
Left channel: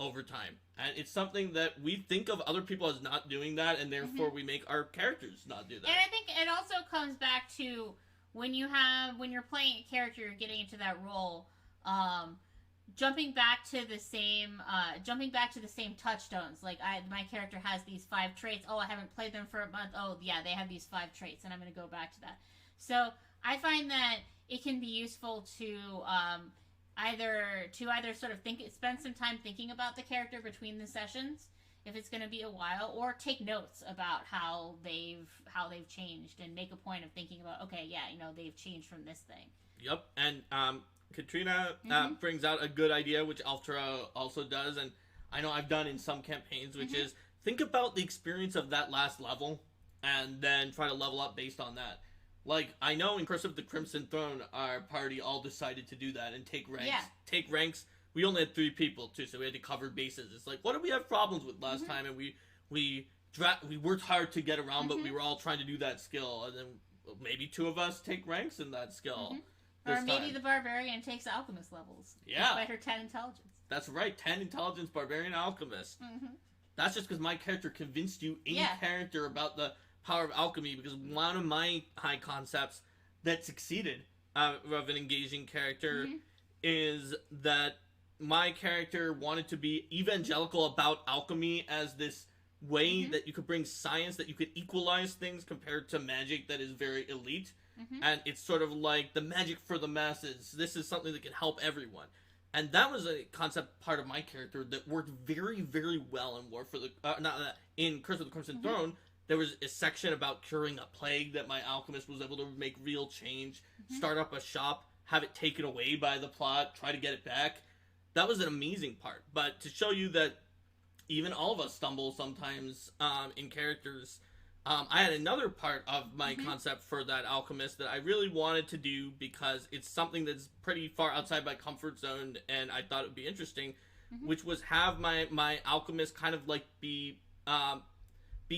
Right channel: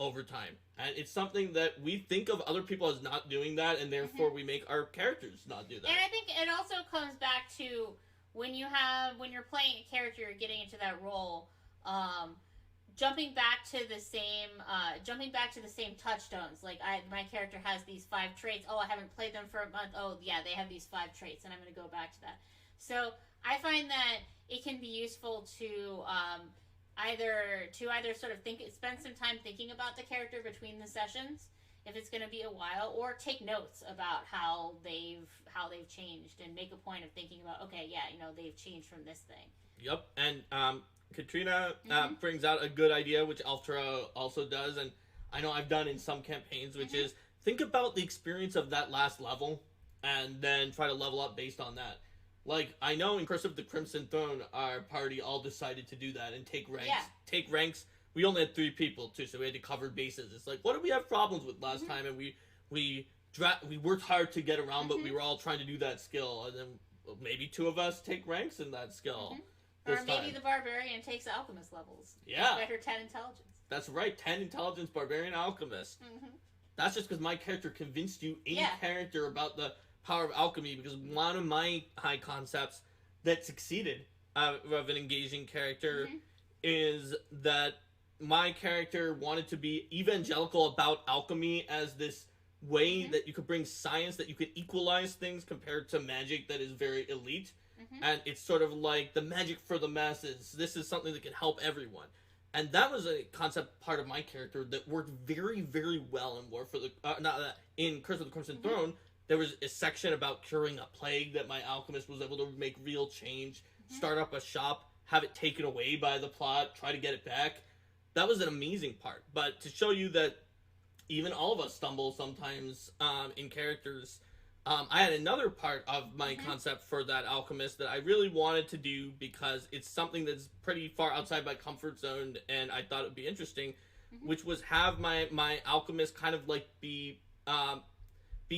over time. And it's something that we think of other people as not doing that, and therefore we make our characters not do that. And I think it also comes back to when you're playing a character, you're getting into that role, jumping back to the same touchstones. Like my character has these 5 traits. Oh, I haven't played them for a month. Oh, yeah, they have these 5 traits, and I'm going to go back to that. So I find that it can be useful to either sort of spend some time thinking about the character between the sessions, if it's going to be a while, or take notes about how they've changed and make a point of thinking about, okay, yeah, they've changed from this thing. Yep, and Katrina brings out a good idea, which Altra also does, and I know I've done in some campaigns, which is think about the experience of that last level, and then try to level up based on that. Like, I know in Curse of the Crimson Throne, our party all decided to do that and take ranks. Yeah. Take ranks. We only had 3 people, too, so we had to cover bases. It's like, what did we have problems with last time? And we worked hard to get around, but we were all trying to do that skill, and then maybe 2 of us take ranks in that skill. Or maybe the barbarian takes alchemist levels. Yeah. By her 10 intelligence. That's right, 10 intelligence, barbarian, alchemist. That's just because my character convinced you in character about the power of alchemy, because one of my high concepts that succeeded of an engaging character is that my character wanted to be evangelical about alchemy as this way that you could bring science, that you could equalize things compared to magic that is very elite. And it's sort of like the magic for the masses. This is something that can help everyone. And that was a concept part of my character that worked very, very well in War for the... in Curse of the Crimson Throne, there was a section about curing a plague that my alchemist was able to make real change, start up a shop, have it taken away by the plot, try to get it back. That was an amazing part. But to show you that even all of us stumble sometimes in characters... I had another part of my concept for that alchemist that I really wanted to do because it's something that's pretty far outside my comfort zone, and I thought it would be interesting, which was have my alchemist kind of like be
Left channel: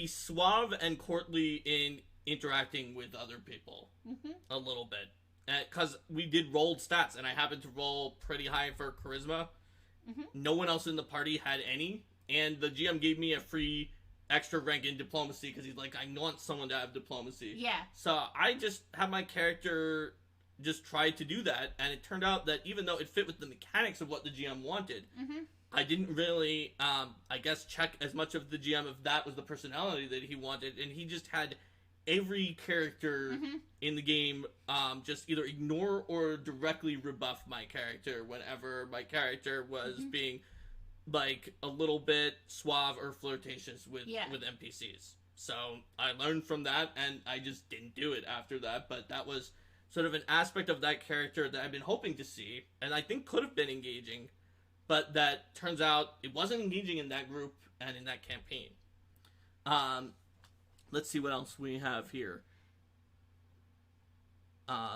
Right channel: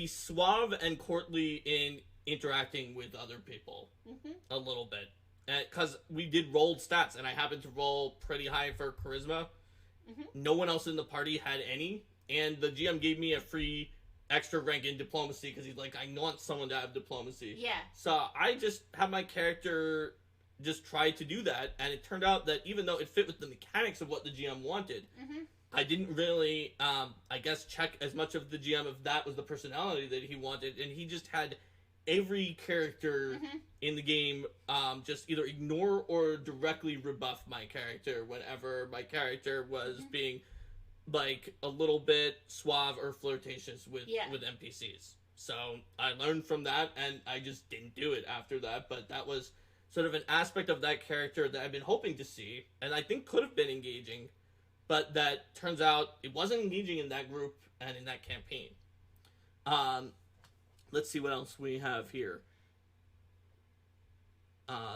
suave and courtly in interacting with other people a little bit. Because we did rolled stats, and I happened to roll pretty high for charisma. No one else in the party had any, and the GM gave me a free extra rank in diplomacy because he's like, I want someone to have diplomacy. Yeah. So I just had my character just try to do that, and it turned out that even though it fit with the mechanics of what the GM wanted, I didn't really, I guess, check as much of the GM if that was the personality that he wanted, and he just had every character in the game just either ignore or directly rebuff my character whenever my character was being like a little bit suave or flirtatious with NPCs. So I learned from that, and I just didn't do it after that. But that was sort of an aspect of that character that I've been hoping to see, and I think could have been engaging, but that turns out it wasn't engaging in that group and in that campaign. Let's see what else we have here.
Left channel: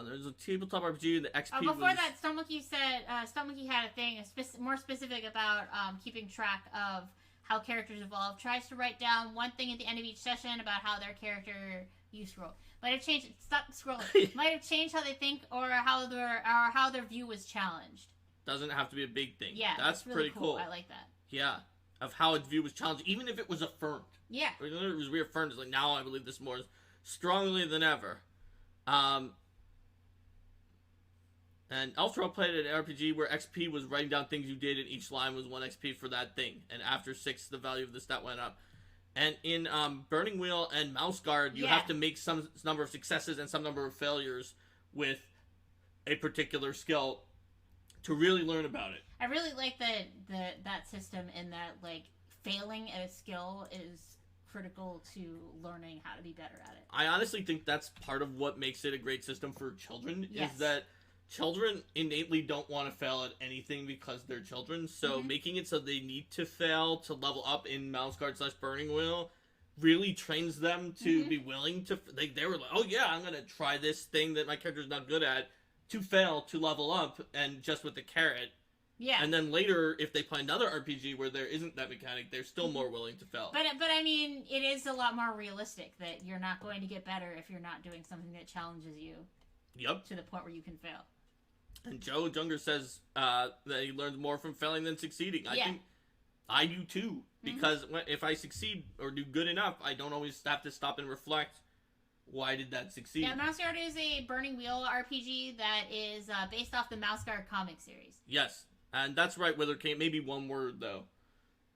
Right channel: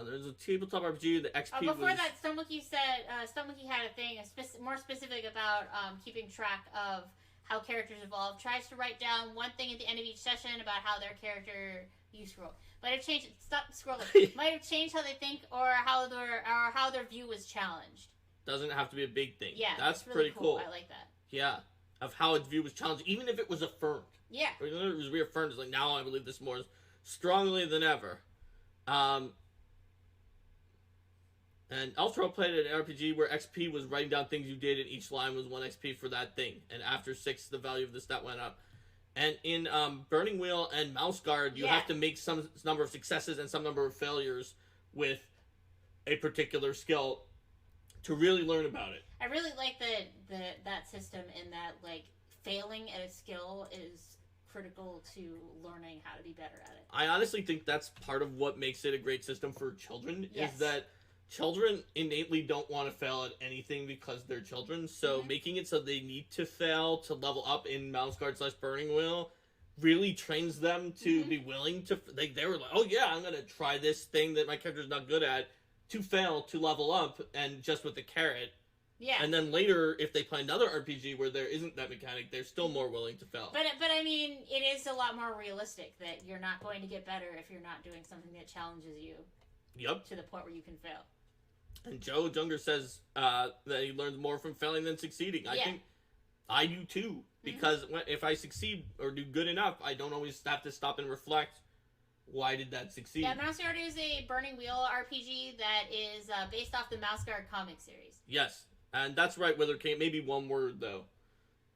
There's a tabletop RPG. The XP. Before that, Stonemonkey said Stonemonkey had a thing more specific about keeping track of how characters evolve. Tries to write down one thing at the end of each session about how their character. You scroll. Might have changed. Stop scrolling. Might have changed how they think or how their view was challenged. Doesn't have to be a big thing. Yeah, that's really pretty cool. I like that. Yeah, of how its view was challenged, even if it was affirmed. Yeah, or it was reaffirmed. It's like now I believe this more strongly than ever. And Elfro played an RPG where XP was writing down things you did, and each line was 1 XP for that thing. And after 6, the value of the stat went up. And in Burning Wheel and Mouse Guard, you have to make some number of successes and some number of failures with a particular skill to really learn about it. I really like that system in that, like, failing at a skill is critical to learning how to be better at it. I honestly think that's part of what makes it a great system for children, is that children innately don't want to fail at anything because they're children, so making it so they need to fail to level up in Mouse Guard / Burning Wheel really trains them to be willing to, they were like, oh yeah, I'm going to try this thing that my character's not good at to fail to level up, and just with the carrot. Yeah. And then later, if they play another RPG where there isn't that mechanic, they're still more willing to fail. But I mean, it is a lot more realistic that you're not going to get better if you're not doing something that challenges you. Yep. To the point where you can fail. And Joe Junger says that he learns more from failing than succeeding. I think I do too. Because if I succeed or do good enough, I don't always have to stop and reflect, why did that succeed? Yeah, Mouse Guard is a Burning Wheel RPG that is based off the Mouse Guard comic series. Yes. And that's right, Wither King. Maybe one word, though.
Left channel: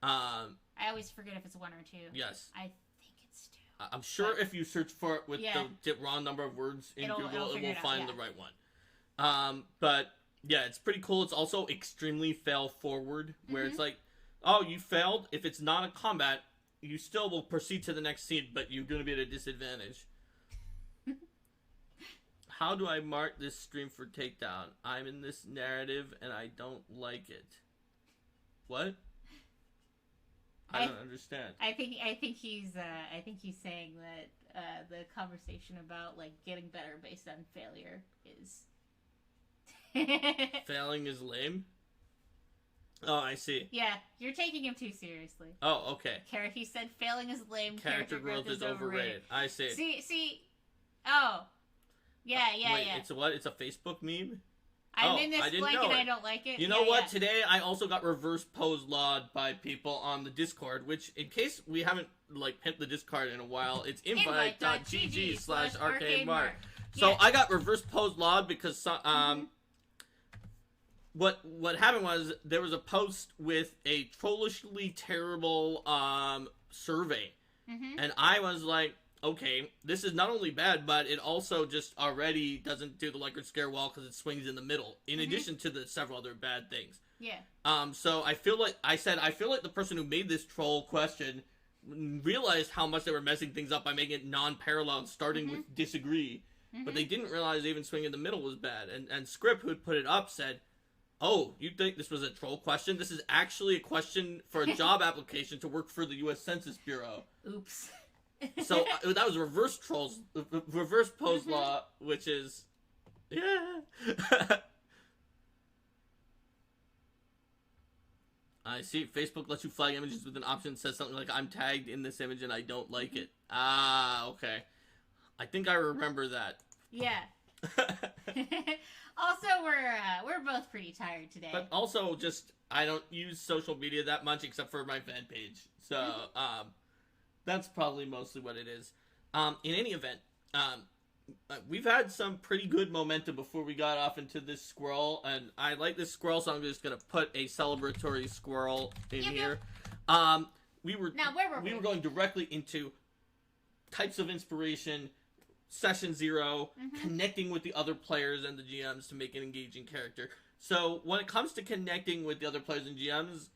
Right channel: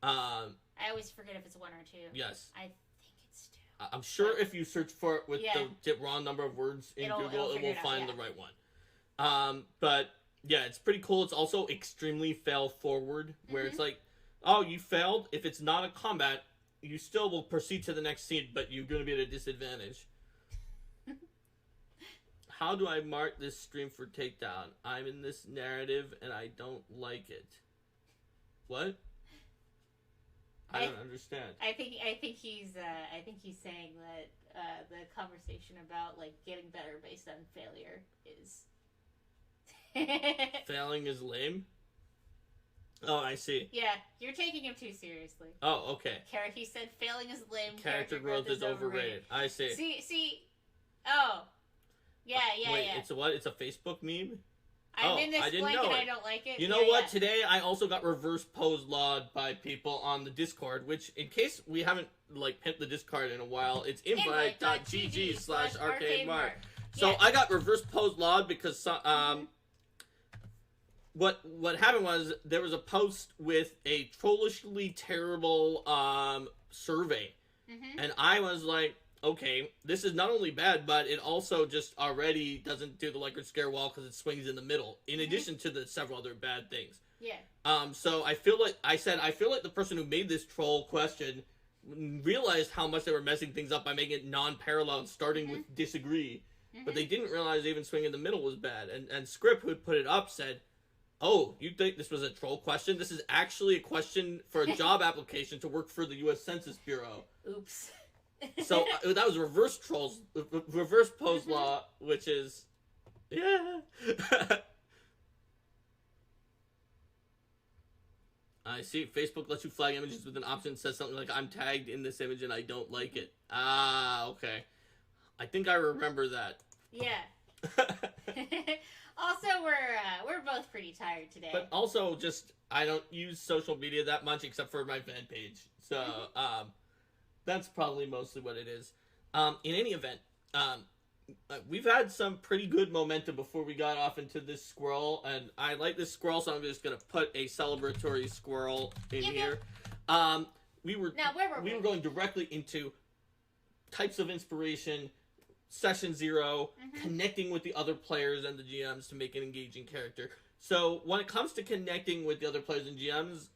I always forget if it's 1 or 2. Yes. I think it's 2. I'm sure if you search for it with the raw number of words in Google, it will find the right one. But, yeah, it's pretty cool. It's also extremely fail-forward, where it's like, oh, you failed. If it's not a combat, you still will proceed to the next scene, but you're going to be at a disadvantage. How do I mark this stream for takedown? I'm in this narrative and I don't like it. What? I don't understand. I think he's saying that the conversation about like getting better based on failure is failing is lame. Oh, I see. Yeah, you're taking him too seriously. Oh, okay. He said failing is lame. Character growth is overrated. I see. See. Oh. Yeah. It's a what? It's a Facebook meme? I'm in this blank and I don't like it. You know what? Today I also got reverse pose lawed by people on the Discord, which, in case we haven't pimped the Discord in a while, it's invite.gg/arcademart. So I got reverse pose lawed because what happened was there was a post with a trollishly terrible survey, and I was like, okay, this is not only bad, but it also just already doesn't do the Likert Scare wall because it swings in the middle, in addition to the several other bad things. Yeah. So I feel like the person who made this troll question realized how much they were messing things up by making it non-parallel, starting with disagree. But they didn't realize even swing in the middle was bad. And Script, who had put it up, said, oh, you think this was a troll question? This is actually a question for a job application to work for the U.S. Census Bureau. Oops. So that was reverse pose law, which is, I see. Facebook lets you flag images with an option that says something like, I'm tagged in this image and I don't like it. Ah, okay. I think I remember that. Yeah. Also, we're both pretty tired today. But also, just, I don't use social media that much except for my fan page. So, that's probably mostly what it is. In any event, we've had some pretty good momentum before we got off into this squirrel, and I like this squirrel, so I'm just going to put a celebratory squirrel in here. We were going directly into types of inspiration, session 0, connecting with the other players and the GMs to make an engaging character. So when it comes to connecting with the other players and GMs,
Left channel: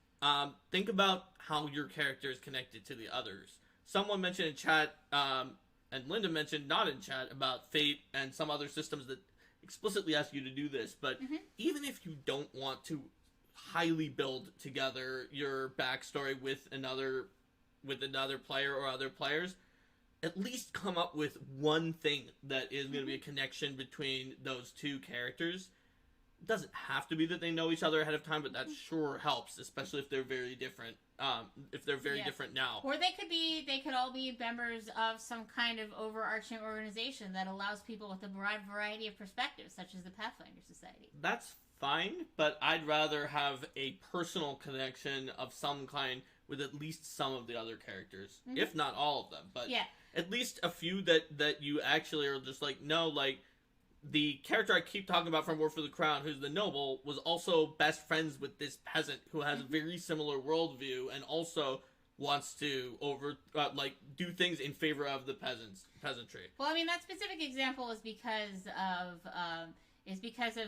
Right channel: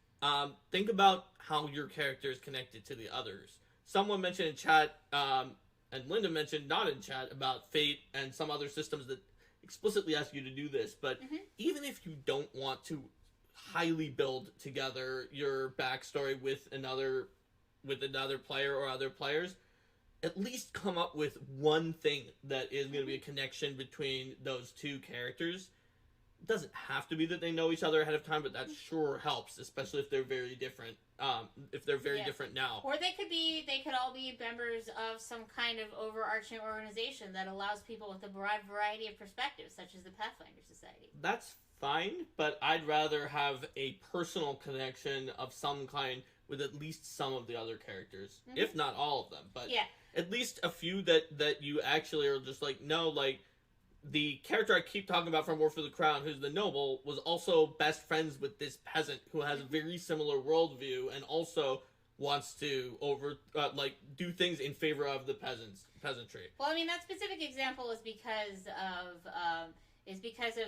think about how your character is connected to the others. Someone mentioned in chat, and Linda mentioned not in chat, about Fate and some other systems that explicitly ask you to do this. But even if you don't want to highly build together your backstory with another player or other players, at least come up with one thing that is going to be a connection between those two characters. It doesn't have to be that they know each other ahead of time, but that sure helps, especially if they're very different. If they're very different now, or they could all be members of some kind of overarching organization that allows people with a wide variety of perspectives, such as the Pathfinder Society. That's fine, but I'd rather have a personal connection of some kind with at least some of the other characters, if not all of them. But at least a few that you actually are just like, no, like, the character I keep talking about from War for the Crown, who's the noble, was also best friends with this peasant who has a very similar worldview and also wants to do things in favor of the peasantry. Well, I mean, that specific example is because of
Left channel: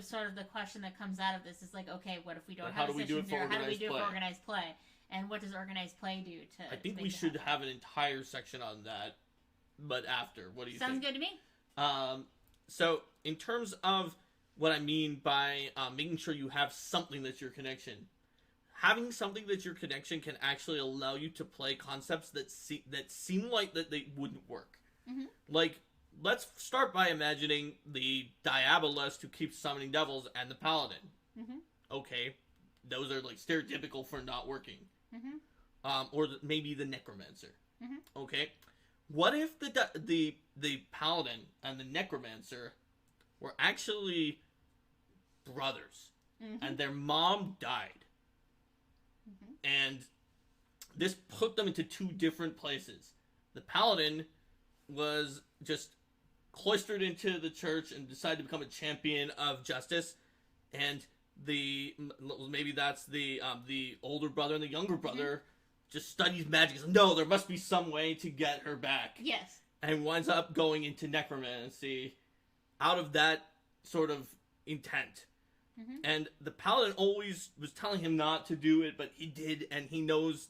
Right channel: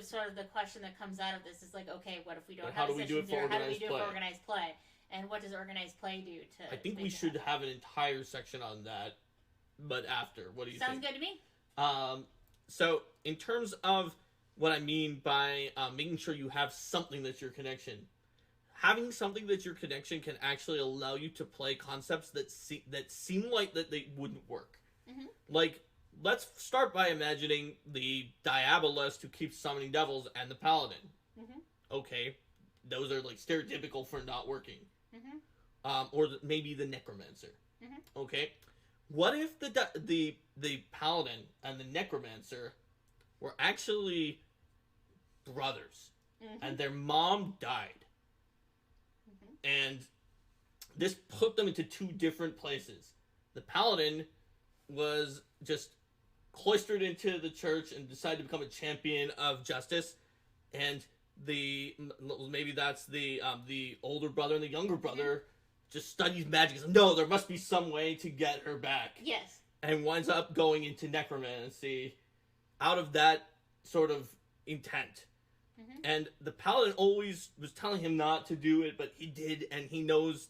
sort of the question that comes out of this is like, okay, what if we don't have a session zero? How do we do it for organized play? And what does organized play do to? I think we should have an entire section on that, but after. What do you think? Sounds good to me. So, in terms of what I mean by making sure you have something that's your connection, having something that's your connection can actually allow you to play concepts that seem like that they wouldn't work. Like, let's start by imagining the Diabolist who keeps summoning devils and the Paladin. Okay, those are like stereotypical for not working. Or maybe the Necromancer. Okay. What if the Paladin and the Necromancer were actually brothers, and their mom died, and this put them into two different places? The Paladin was just cloistered into the church and decided to become a champion of justice, and maybe that's the older brother and the younger brother just studies magic. No, there must be some way to get her back. Yes. And winds up going into necromancy out of that sort of intent. And the Paladin always was telling him not to do it, but he did, and he knows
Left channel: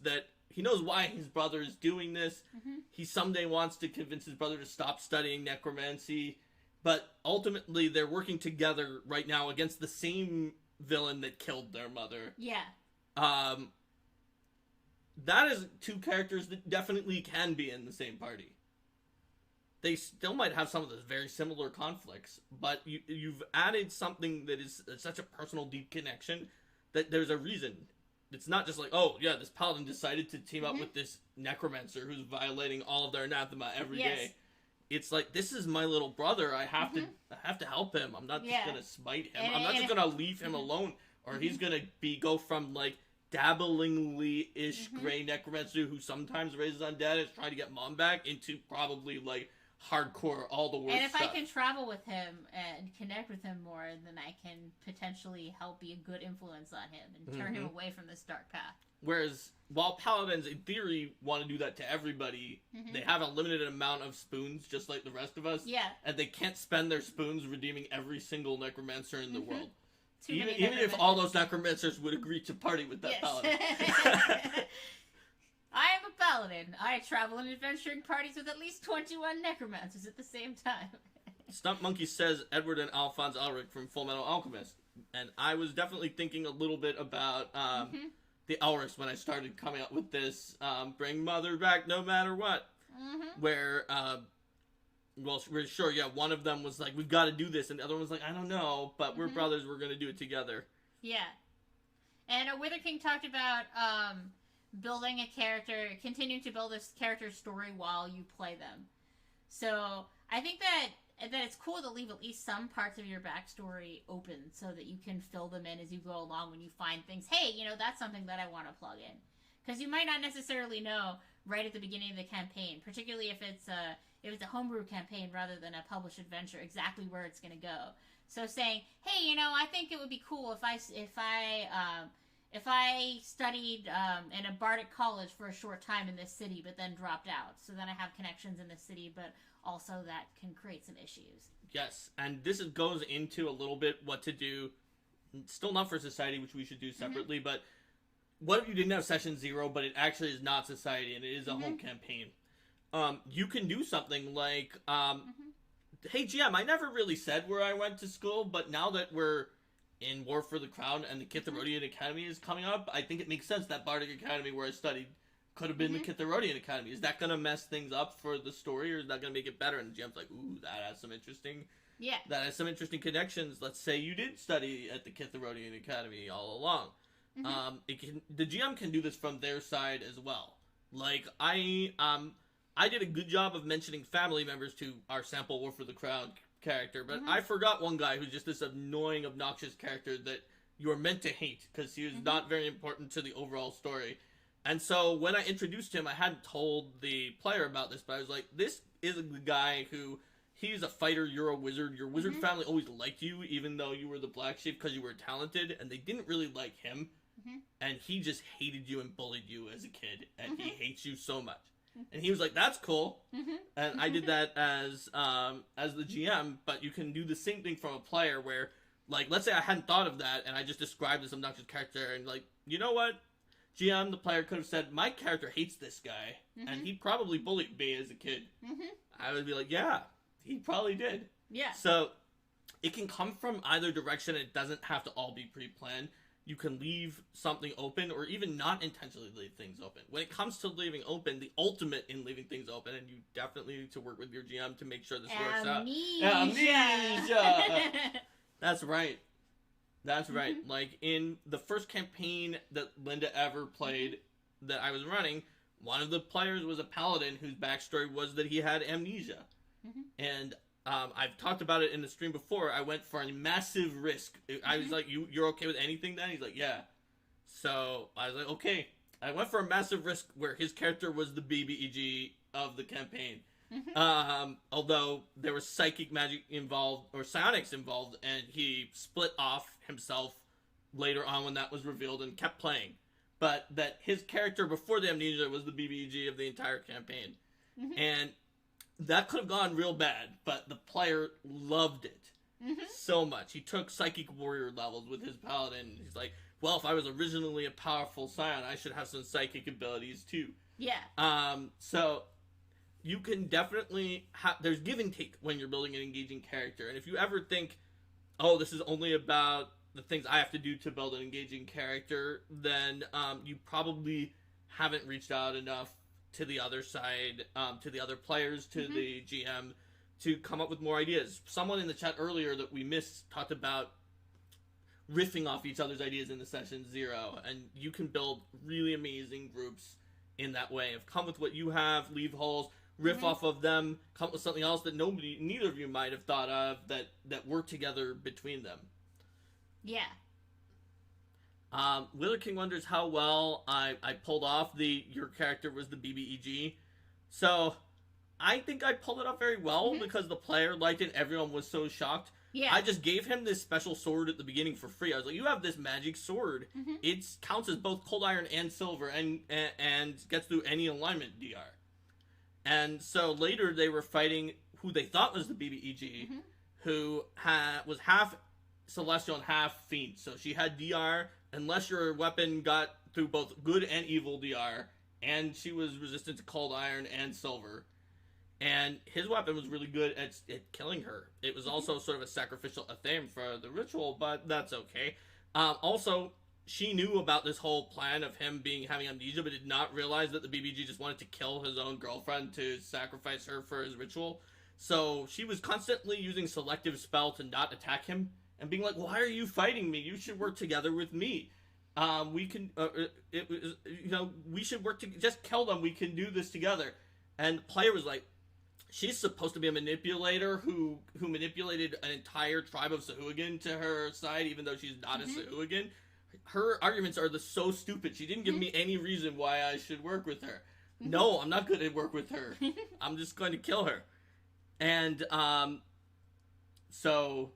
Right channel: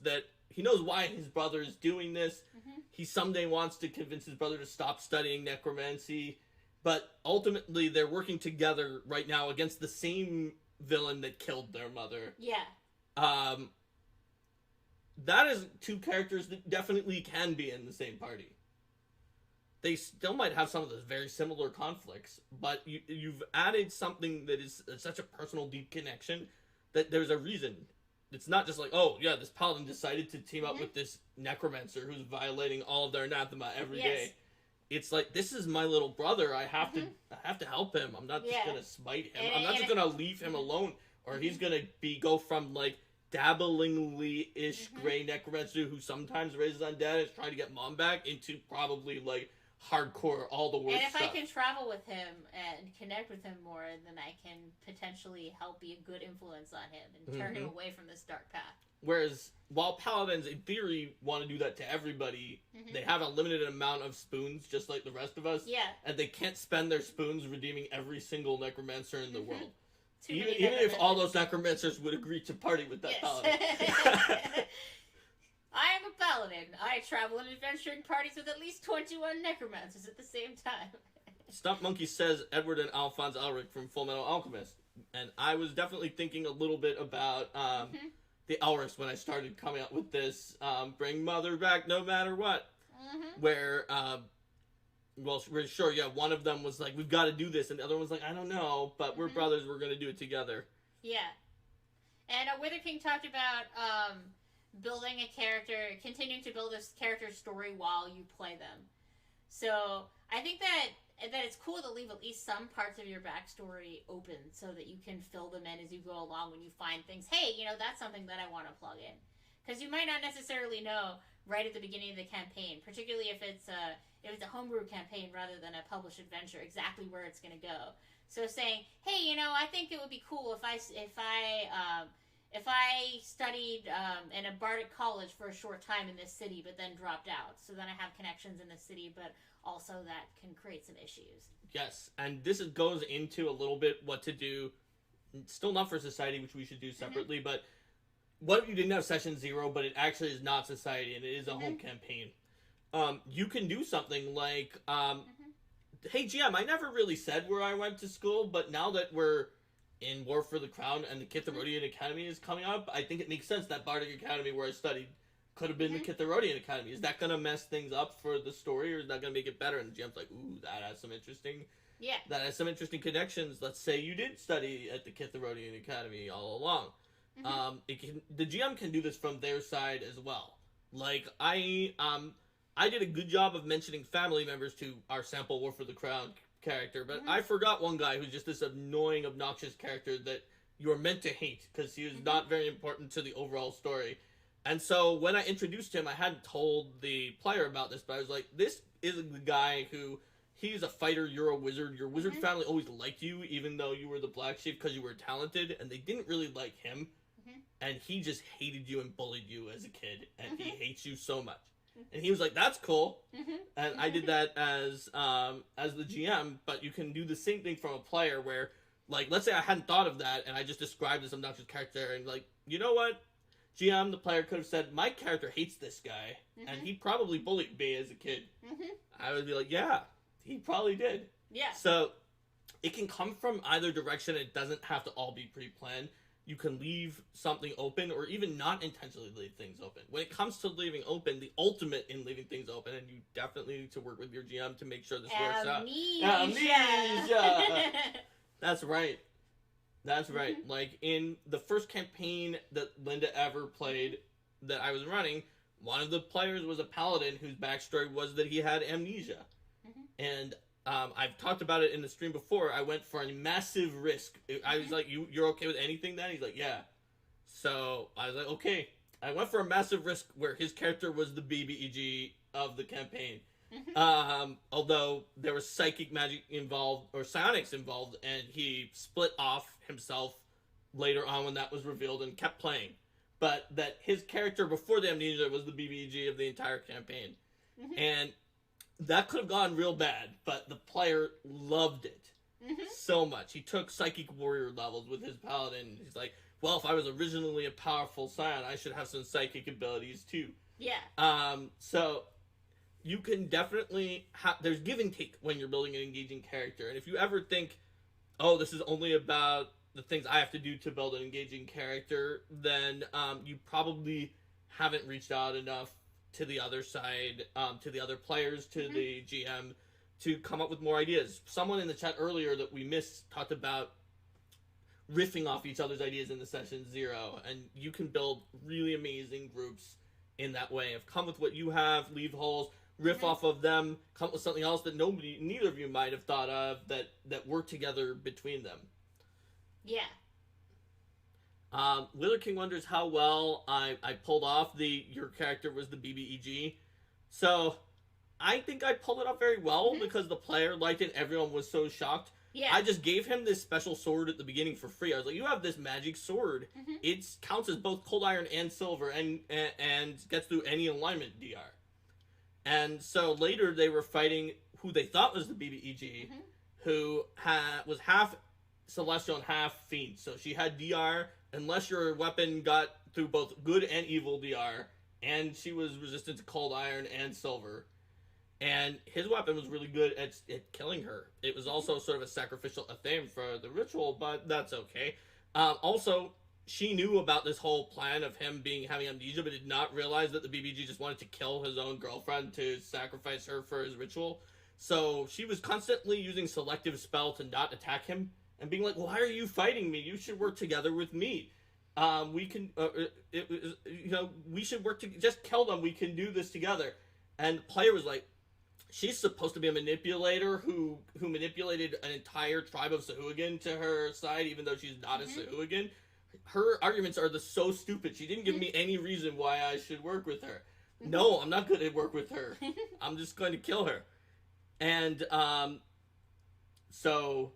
why his brother is doing this. He someday wants to convince his brother to stop studying necromancy, but ultimately they're working together right now against the same villain that killed their mother. Yeah. That is two characters that definitely can be in the same party. They still might have some of those very similar conflicts, but you've added something that is such a personal, deep connection that there's a reason. It's not just like, oh, yeah, this Paladin decided to team up with this Necromancer who's violating all of their anathema every day. It's like, this is my little brother. I have to help him. I'm not just going to smite him. I'm not just going to leave him alone, or he's going to go from, like, dabblingly-ish gray Necromancer who sometimes raises undead and is trying to get mom back into probably, like, hardcore, all the worst stuff. And if I can travel with him and connect with him more, then I can potentially help be a good influence on him and turn him away from this dark path. Whereas, while Paladins, in theory, want to do that to everybody, they have a limited amount of spoons, just like the rest of us. Yeah. And they can't spend their spoons redeeming every single Necromancer in the world. Even if all those Necromancers would agree to party with that Paladin. I am a Paladin. I travel in adventuring parties with at least 21 Necromancers at the same time. Stunt Monkey says Edward and Alphonse Elric from Full Metal Alchemist. And I was definitely thinking a little bit about the Elrics when I started coming up with this bring mother back no matter what. Where, well, we're sure, one of them was like, we've got to do this. And the other one was like, I don't know, but we're brothers, we're going to do it together. Yeah. And Wither King talked about building a character, continuing to build this character story while you play them. So I think that it's cool to leave at least some parts of your backstory open so that you can fill them in as you go along when you find things. Hey, that's something that I want to plug in. Because you might not necessarily know right at the beginning of the campaign, particularly if it's a homebrew campaign rather than a published adventure, exactly where it's going to go. So saying, hey, I think it would be cool if I studied in a bardic college for a short time in this city, but then dropped out. So then I have connections in this city, but also that can create some issues. Yes, and this goes into a little bit what to do, still not for society, which we should do separately, but what if you didn't have Session 0, but it actually is not Society, and it is a home campaign? You can do something like, hey, GM, I never really said where I went to school, but now that we're in War for the Crown and the Kitharodian Academy is coming up, I think it makes sense that Bardic Academy where I studied could have been the Kitharodian Academy. Is that going to mess things up for the story, or is that going to make it better? And the GM's like, ooh, that has some interesting... Yeah. That has some interesting connections. Let's say you did study at the Kitharodian Academy all along. The GM can do this from their side as well. Like, I did a good job of mentioning family members to our sample War for the Crown character, but I forgot one guy who's just this annoying, obnoxious character that you are meant to hate, because he was not very important to the overall story. And so, when I introduced him, I hadn't told the player about this, but I was like, this is the guy who... He's a fighter, you're a wizard. Your wizard family always liked you, even though you were the black sheep, because you were talented, and they didn't really like him. And he just hated you and bullied you as a kid, and he hates you so much. And he was like, that's cool. And I did that as the GM, but you can do the same thing from a player where, like, let's say I hadn't thought of that, and I just described this obnoxious character, and like, you know what? GM, the player, could have said, my character hates this guy, and he probably bullied me as a kid. I would be like, yeah. He probably did. Yeah. So, it can come from either direction. It doesn't have to all be pre-planned. You can leave something open, or even not intentionally leave things open. When it comes to leaving open, the ultimate in leaving things open, and you definitely need to work with your GM to make sure this works out. Amnesia! That's right. That's right. Like, in the first campaign that Linda ever played that I was running, one of the players was a paladin whose backstory was that he had amnesia. And I've talked about it in the stream before. I went for a massive risk. I was like, you're okay with anything then? He's like, yeah. So I was like, okay. I went for a massive risk where his character was the BBEG of the campaign. Although there was psychic magic involved, or psionics involved, and he split off himself later on when that was revealed and kept playing. But that his character before the amnesia was the BBEG of the entire campaign. And that could have gone real bad, but the player loved it so much. He took psychic warrior levels with his paladin. He's like, well, if I was originally a powerful scion, I should have some psychic abilities too. Yeah. So you can definitely there's give and take when you're building an engaging character. And if you ever think, oh, this is only about the things I have to do to build an engaging character, then you probably haven't reached out enough to the other side, to the other players, to the GM, to come up with more ideas. Someone in the chat earlier that we missed talked about riffing off each other's ideas in the Session 0, and you can build really amazing groups in that way. Of come with what you have, leave holes, riff off of them, come up with something else that neither of you might have thought of that work together between them. Yeah. Wheeler King wonders how well I pulled off your character was the BBEG. So, I think I pulled it off very well because the player liked it. Everyone was so shocked. Yeah. I just gave him this special sword at the beginning for free. I was like, you have this magic sword. It counts as both cold iron and silver and gets through any alignment DR. And so later they were fighting who they thought was the BBEG, who was half celestial and half fiend. So she had DR, unless your weapon got through both good and evil DR, and she was resistant to cold iron and silver. And his weapon was really good at killing her. It was also sort of a sacrificial athame for the ritual, but that's okay. Also, she knew about this whole plan of him having amnesia, but did not realize that the BBG just wanted to kill his own girlfriend to sacrifice her for his ritual. So she was constantly using selective spell to not attack him, and being like, why are you fighting me? You should work together with me. We should work to just kill them. We can do this together. And the player was like, she's supposed to be a manipulator who manipulated an entire tribe of Sahuagin to her side, even though she's not a Sahuagin. Her arguments are so stupid. She didn't give me any reason why I should work with her. No, I'm not going to work with her. I'm just going to kill her. And so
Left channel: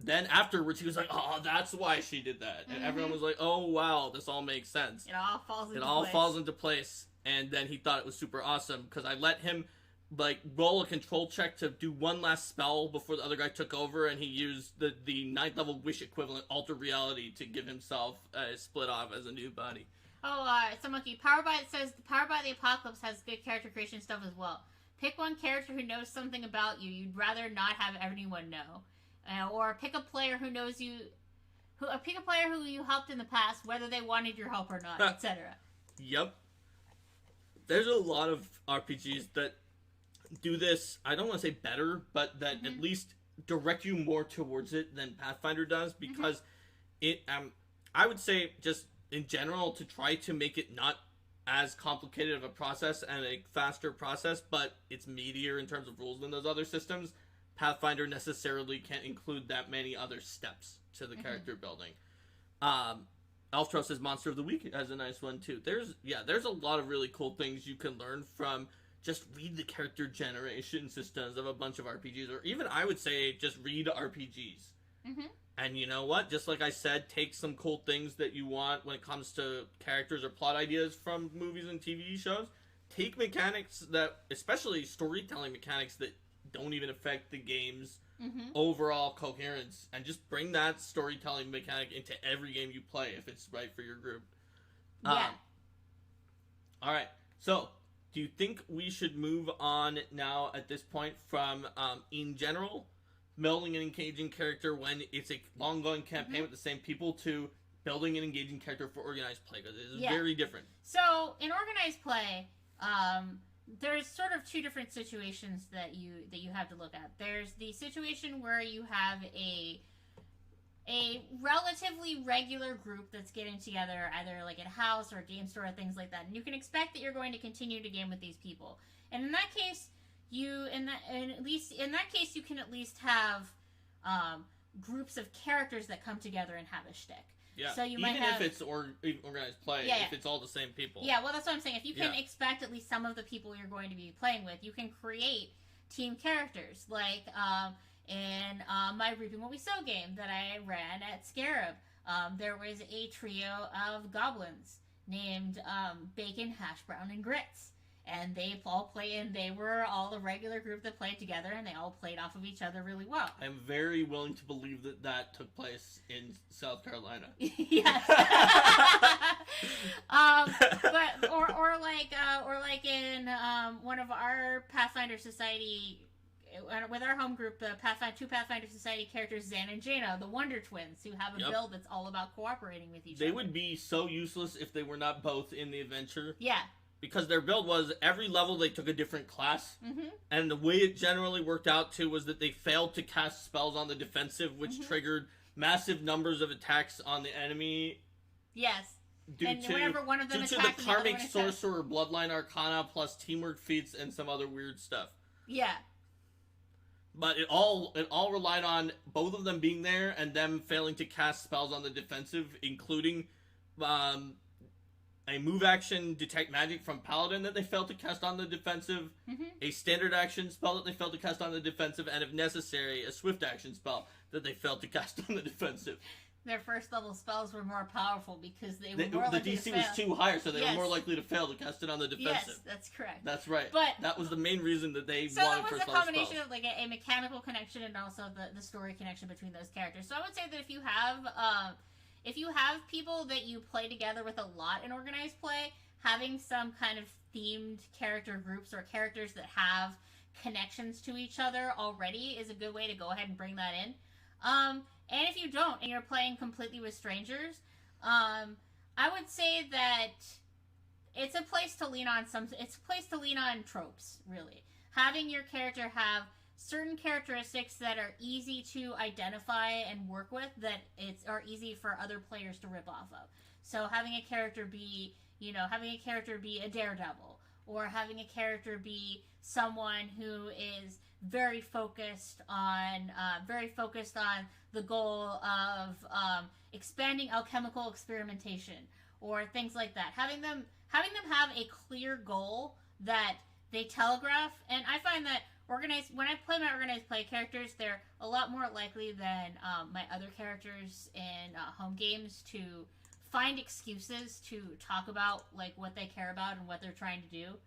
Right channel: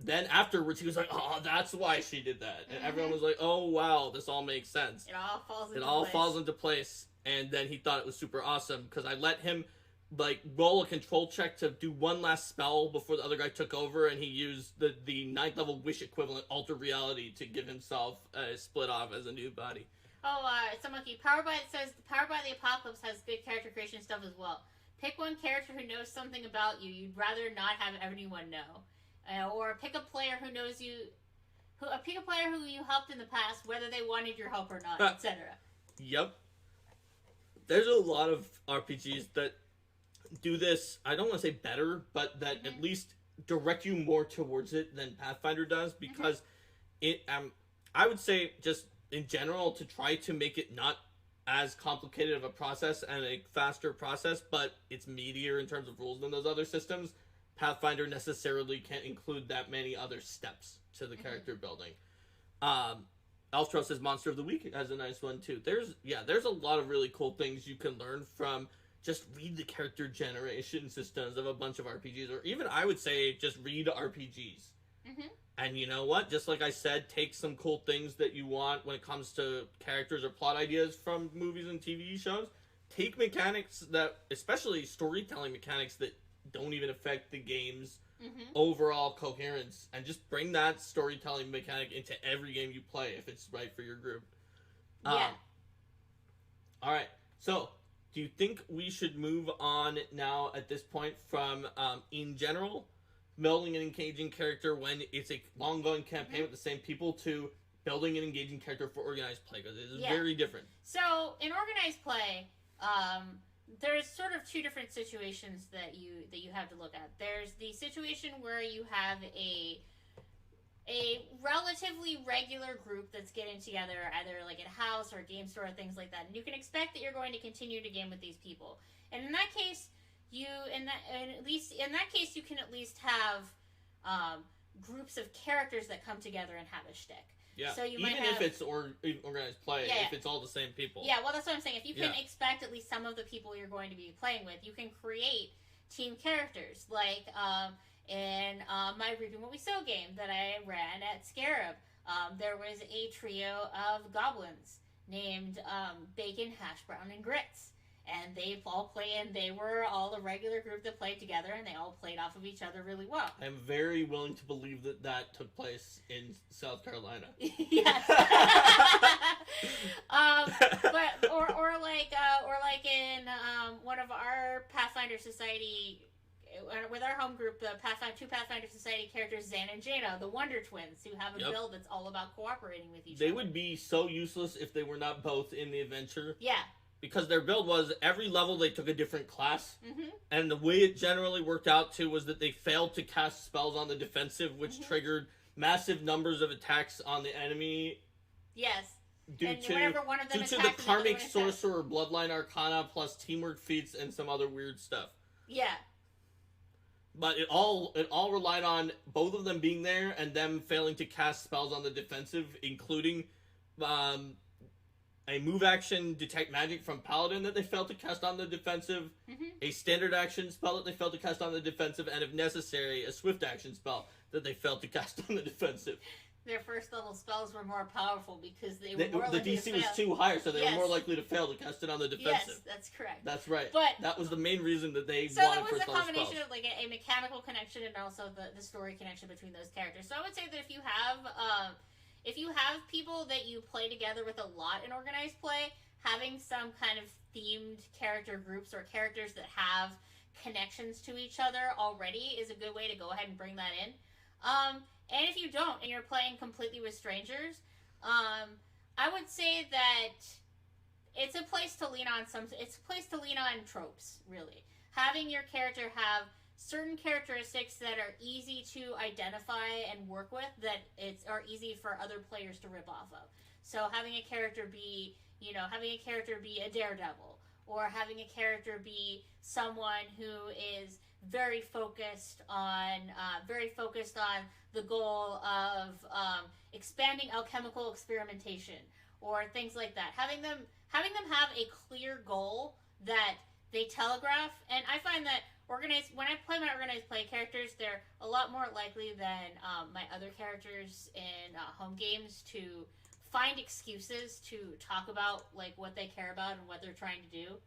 then afterwards, he was like, oh, that's why she did that. And everyone was like, oh, wow, this all makes sense. It all falls into place. And then he thought it was super awesome because I let him roll a control check to do one last spell before the other guy took over, and he used the 9th level wish equivalent alter reality to give himself a split off as a new body. Monkey. Powered by the Apocalypse has good character creation stuff as well. Pick one character who knows something about you you'd rather not have anyone know, or pick a player who knows you. Pick a player who you helped in the past, whether they wanted your help or not, etc. Yep. There's a lot of RPGs that do this. I don't want to say better, but that at least direct you more towards it than Pathfinder does, because it. I would say just in general to try to make it not as complicated of a process and a faster process, but it's meatier in terms of rules than those other systems. Pathfinder necessarily can't include that many other steps to the character building. Elftro says Monster of the Week has a nice one too. There's a lot of really cool things you can learn from just read the character generation systems of a bunch of RPGs, or even I would say just read RPGs. And you know what? Just like I said, take some cool things that you want when it comes to characters or plot ideas from movies and TV shows. Take mechanics that, especially storytelling mechanics that don't even affect the game's overall coherence, and just bring that storytelling mechanic into every game you play if it's right for your group. Yeah. Alright, so do you think we should move on now at this point from, in general, building an engaging character when it's a long-going campaign with the same people, to building an engaging character for organized play? Because it is very different. So, in organized play, there's sort of two different situations that you have to look at. There's the situation where you have a relatively regular group that's getting together, either like at a house or a game store or things like that, and you can expect that you're going to continue to game with these people. And in that case, you can at least have groups of characters that come together and have a shtick. Yeah, so you even might have, if it's organized play, if it's all the same people. Yeah, well, that's what I'm saying. If you can expect at least some of the people you're going to be playing with, you can create team characters. Like in my Reaping What We Sow game that I ran at Scarab, there was a trio of goblins named Bacon, Hash Brown, and Grits. And they all they were all a regular group that played together, and they all played off of each other really well. I'm very willing to believe that took place in South Carolina. Yes. But or like in one of our Pathfinder Society, with our home group, the two Pathfinder Society characters, Zan and Jaina, the Wonder Twins, who have a build that's all about cooperating with each other. They would be so useless if they were not both in the adventure. Yeah. Because their build was, every level they took a different class, and the way it generally worked out too was that they failed to cast spells on the defensive, which triggered massive numbers of attacks on the enemy. Yes. Due to the Karmic Sorcerer Bloodline Arcana plus teamwork feats and some other weird stuff. Yeah. But it all relied on both of them being there and them failing to cast spells on the defensive, including a move action Detect Magic from Paladin that they failed to cast on the defensive, a standard action spell that they failed to cast on the defensive, and if necessary, a swift action spell that they failed to cast on the defensive. Their first level spells were more powerful because they were more likely to fail. The DC was too higher, so they were more likely to fail to cast it on the defensive. Yes, that's correct. That's right. But that was the main reason that they so won that was first a level combination spells. of like a mechanical connection and also the story connection between those characters. So I would say that if you have people that you play together with a lot in organized play, having some kind of themed character groups or characters that have connections to each other already is a good way to go ahead and bring that in. And if you don't, and you're playing completely with strangers, I would say that it's a place to lean on tropes, really. Having your character have certain characteristics that are easy to identify and work with, are easy for other players to rip off of. So having a character be a daredevil, or having a character be someone who is very focused on the goal of expanding alchemical experimentation, or things like that. Having them have a clear goal that they telegraph, and I find that when I play my organized play characters, they're a lot more likely than my other characters in home games to find excuses to talk about like what they care about and what they're trying to do.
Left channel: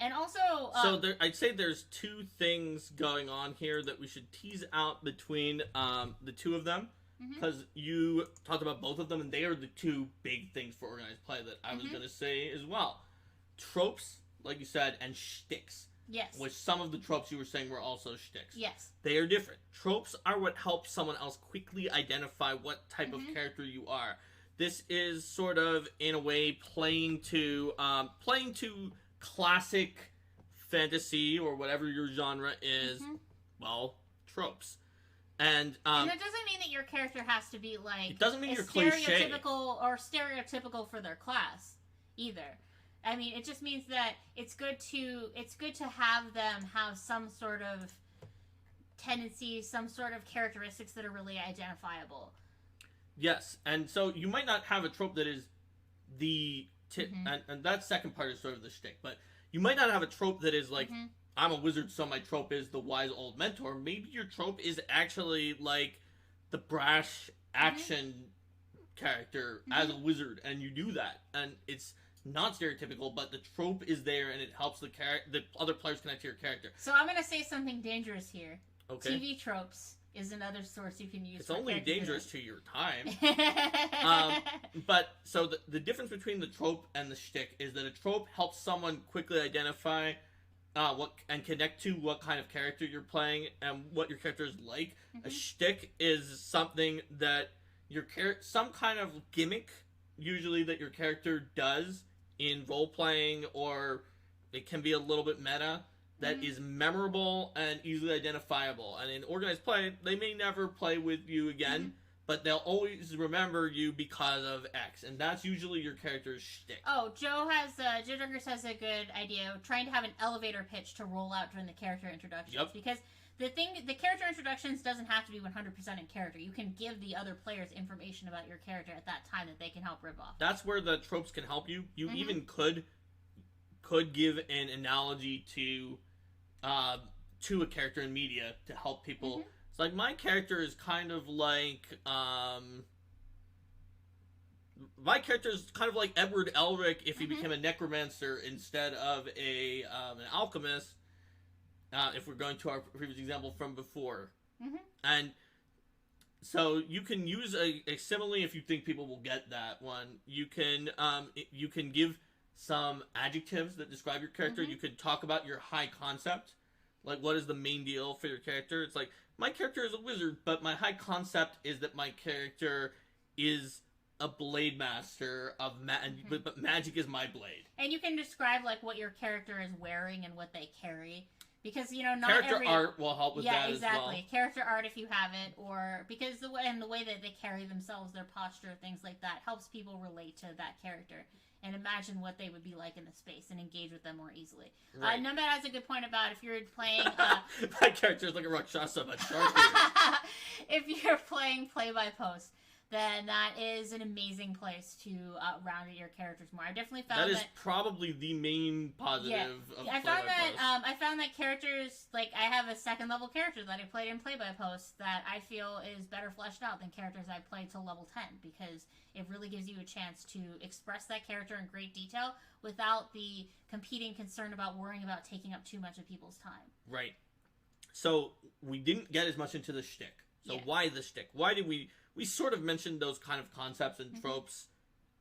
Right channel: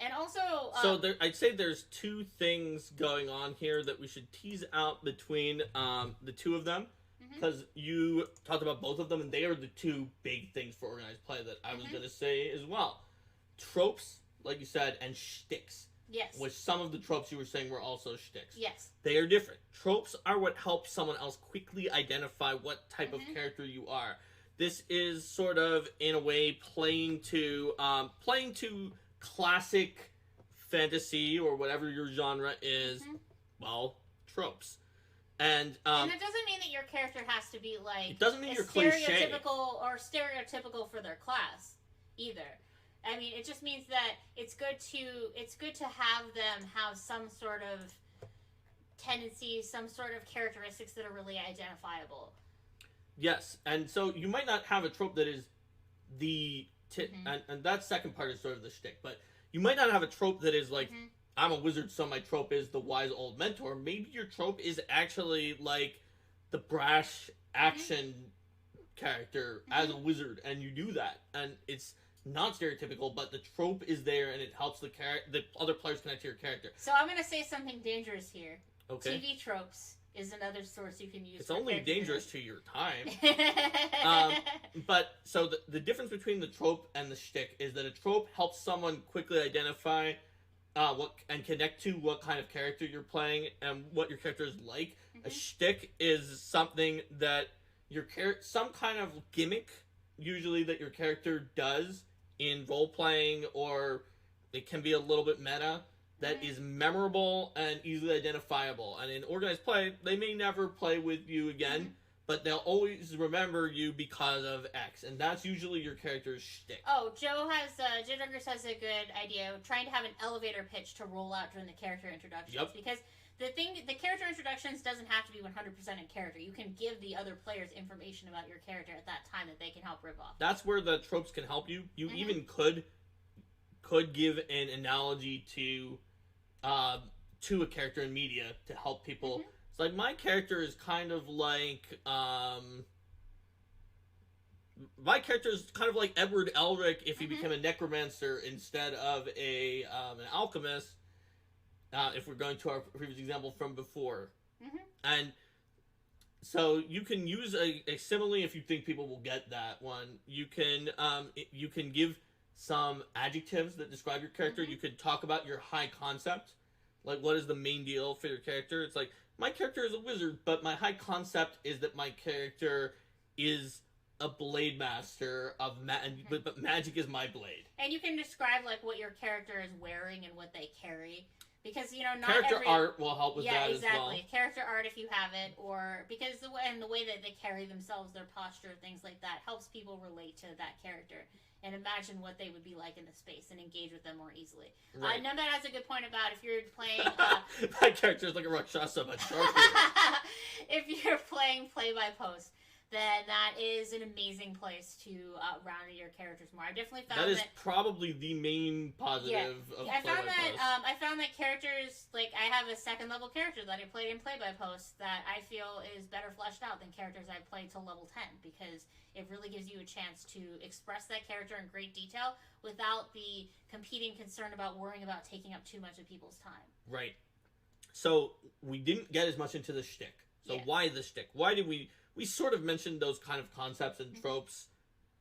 And also, I'd say there's two things going on here that we should tease out between the two of them. because you talked about both of them, and they are the two big things for organized play that I was going to say as well. Tropes, like you said, and shticks. Yes. Which some of the tropes you were saying were also shticks. Yes. They are different. Tropes are what helps someone else quickly identify what type of character you are. This is sort of, in a way, playing to classic fantasy or whatever your genre is. Well, tropes. And that doesn't mean that your character has to be like it doesn't mean you're cliche. Stereotypical for their class either. I mean, it just means that it's good to have them have some sort of tendencies, some sort of characteristics that are really identifiable. Yes, and so you might not have a trope that is and that second part is sort of the shtick, but you might not have a trope that is like, I'm a wizard, so my trope is the wise old mentor. Maybe your trope is actually like the brash action character as a wizard, and you do that, and it's not stereotypical, but the trope is there, and it helps the other players connect to your character. So I'm going to say something dangerous here. Okay. TV tropes is another source you can use. It's only dangerous to your time. But so the difference between the trope and the shtick is that a trope helps someone quickly identify what and connect to what kind of character you're playing and what your character is like. A shtick is something that some kind of gimmick, usually, that your character does in role playing, or it can be a little bit meta, that is memorable and easily identifiable. And in organized play, they may never play with you again, but they'll always remember you because of X, and that's usually your character's shtick. Oh, Joe Douglas has a good idea of trying to have an elevator pitch to roll out during the character introductions. Yep. Because the character introductions doesn't have to be 100% in character. You can give the other players information about your character at that time that they can help rip off. That's where the tropes can help you. You even could give an analogy to a character in media to help people. It's like, my character is kind of like Edward Elric if he became a necromancer instead of an alchemist. If we're going to our previous example from before. And so you can use a simile if you think people will get that one. You can give some adjectives that describe your character. You could talk about your high concept. Like, what is the main deal for your character? It's like, my character is a wizard, but my high concept is that my character is a blade master but magic is my blade. And you can describe like what your character is wearing and what they carry. Because, not character art will help with that exactly. as well. Character art, if you have it, or because the way that they carry themselves, their posture, things like that, helps people relate to that character and imagine what they would be like in the space and engage with them more easily. Right. Nomad has a good point about if you're playing... My character is like a Rakshasa, but sharp. If you're playing play-by-post, then that is an amazing place to round out your characters more. I definitely found that... That is probably the main positive of play-by-post. I found that characters... Like, I have a second-level character that I played in play-by-post that I feel is better fleshed out than characters I played till level 10, because it really gives you a chance to express that character in great detail without the competing concern about worrying about taking up too much of people's time. Right. So, we didn't get as much into the shtick. So, why the shtick? Why did we sort of mentioned those kind of concepts and tropes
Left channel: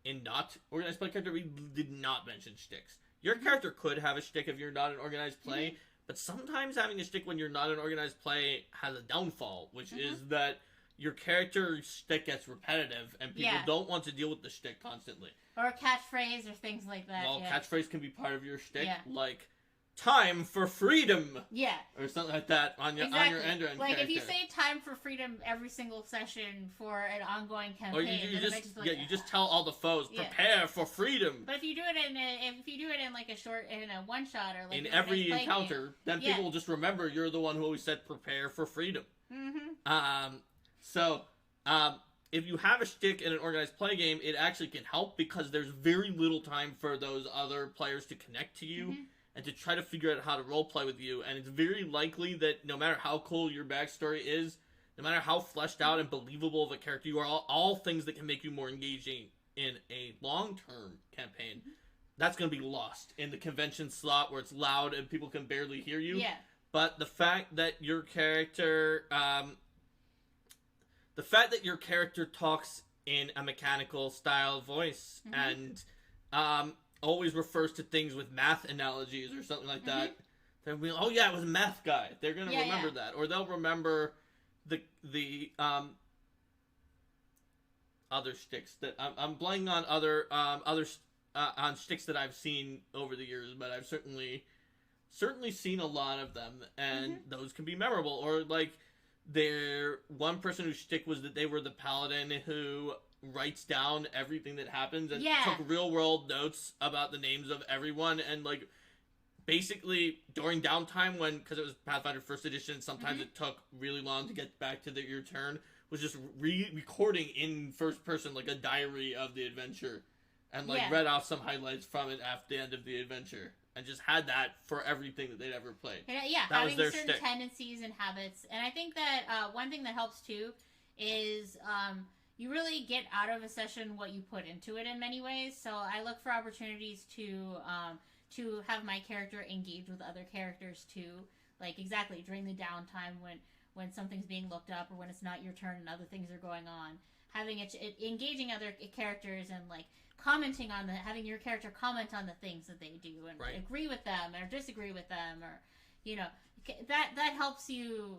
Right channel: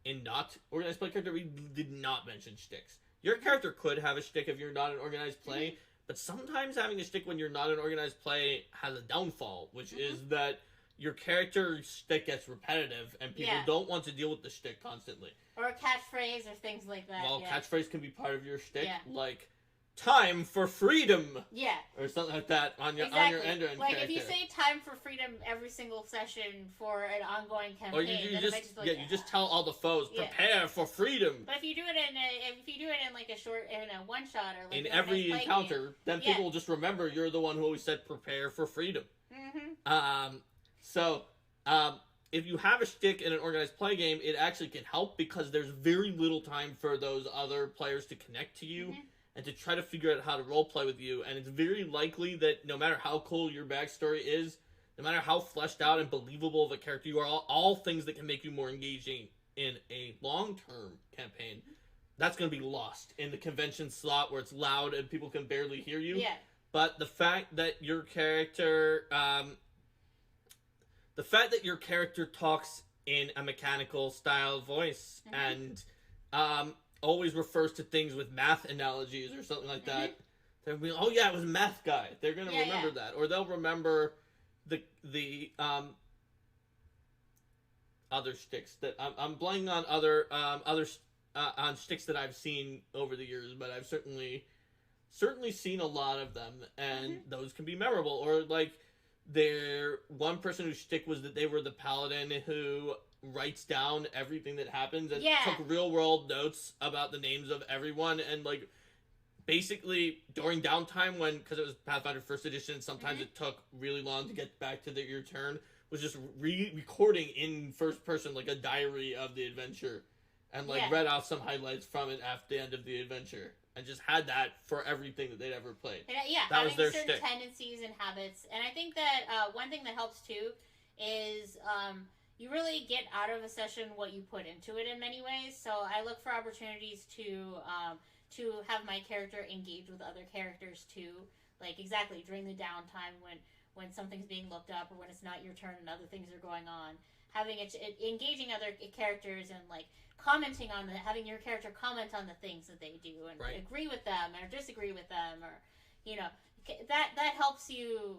in not organized play character. We did not mention shticks. Your character could have a shtick if you're not an organized play, but sometimes having a shtick when you're not an organized play has a downfall, which is that your character's shtick gets repetitive, and people don't want to deal with the shtick constantly. Or a catchphrase or things like that. Well, catchphrase can be part of your shtick, like, time for freedom. Yeah. Or something like that on your end like, character. if you say time for freedom every single session for an ongoing campaign, or you just tell all the foes, prepare for freedom. But if you do it in like a one shot or like in every encounter, then people will just remember you're the one who always said prepare for freedom. If you have a shtick in an organized play game, it actually can help because there's very little time for those other players to connect to you and to try to figure out how to roleplay with you. And it's very likely that no matter how cool your backstory is, no matter how fleshed out and believable of a character you are, all things that can make you more engaging in a long-term campaign, that's going to be lost in the convention slot where it's loud and people can barely hear you. Yeah. But the fact that your character... the fact that your character talks in a mechanical style voice and always refers to things with math analogies or something like that. Then we, oh yeah, it was a math guy. They're gonna remember that, or they'll remember the other shticks that I'm blanking on other shticks that I've seen over the years, but I've certainly seen a lot of them, and those can be memorable. Or like, one person whose shtick was that they were the paladin who writes down everything that happens and took real world notes about the names of everyone, and like basically during downtime, when, because it was Pathfinder First Edition, sometimes it took really long to get back to your turn, was just recording in first person like a diary of the adventure, and like read off some highlights from it at the end of the adventure, and just had that for everything that they'd ever played. And, that having was their certain shtick. Tendencies and habits. And I think that one thing that helps too is you really get out of a session what you put into it in many ways. So I look for opportunities to have my character engage with other characters too. Like exactly during the downtime when something's being looked up or when it's not your turn and other things are going on. Having it engaging other characters and like commenting on having your character comment on the things that they do and agree with them or disagree with them, or that helps you.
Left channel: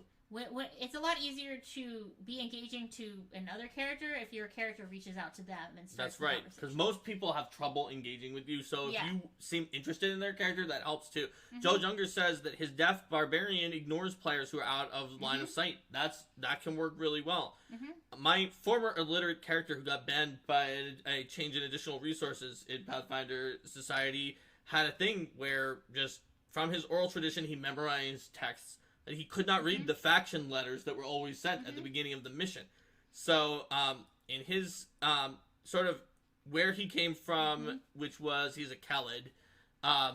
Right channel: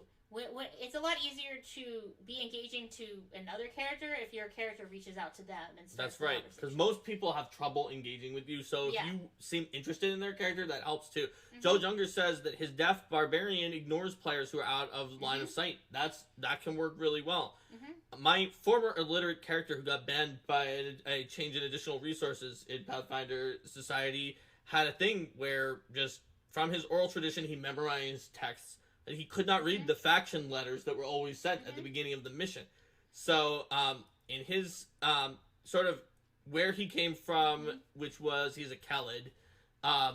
It's a lot easier to be engaging to another character if your character reaches out to them and starts. That's right, because most people have trouble engaging with you, so if you seem interested in their character, that helps too. Joe Younger says that his deaf barbarian ignores players who are out of line of sight. That can work really well. My former illiterate character who got banned by a change in additional resources in Pathfinder Society had a thing where just from his oral tradition he memorized texts. And he could not read the faction letters that were always sent at the beginning of the mission. So, in his, sort of, where he came from, which was, he's a Khalid,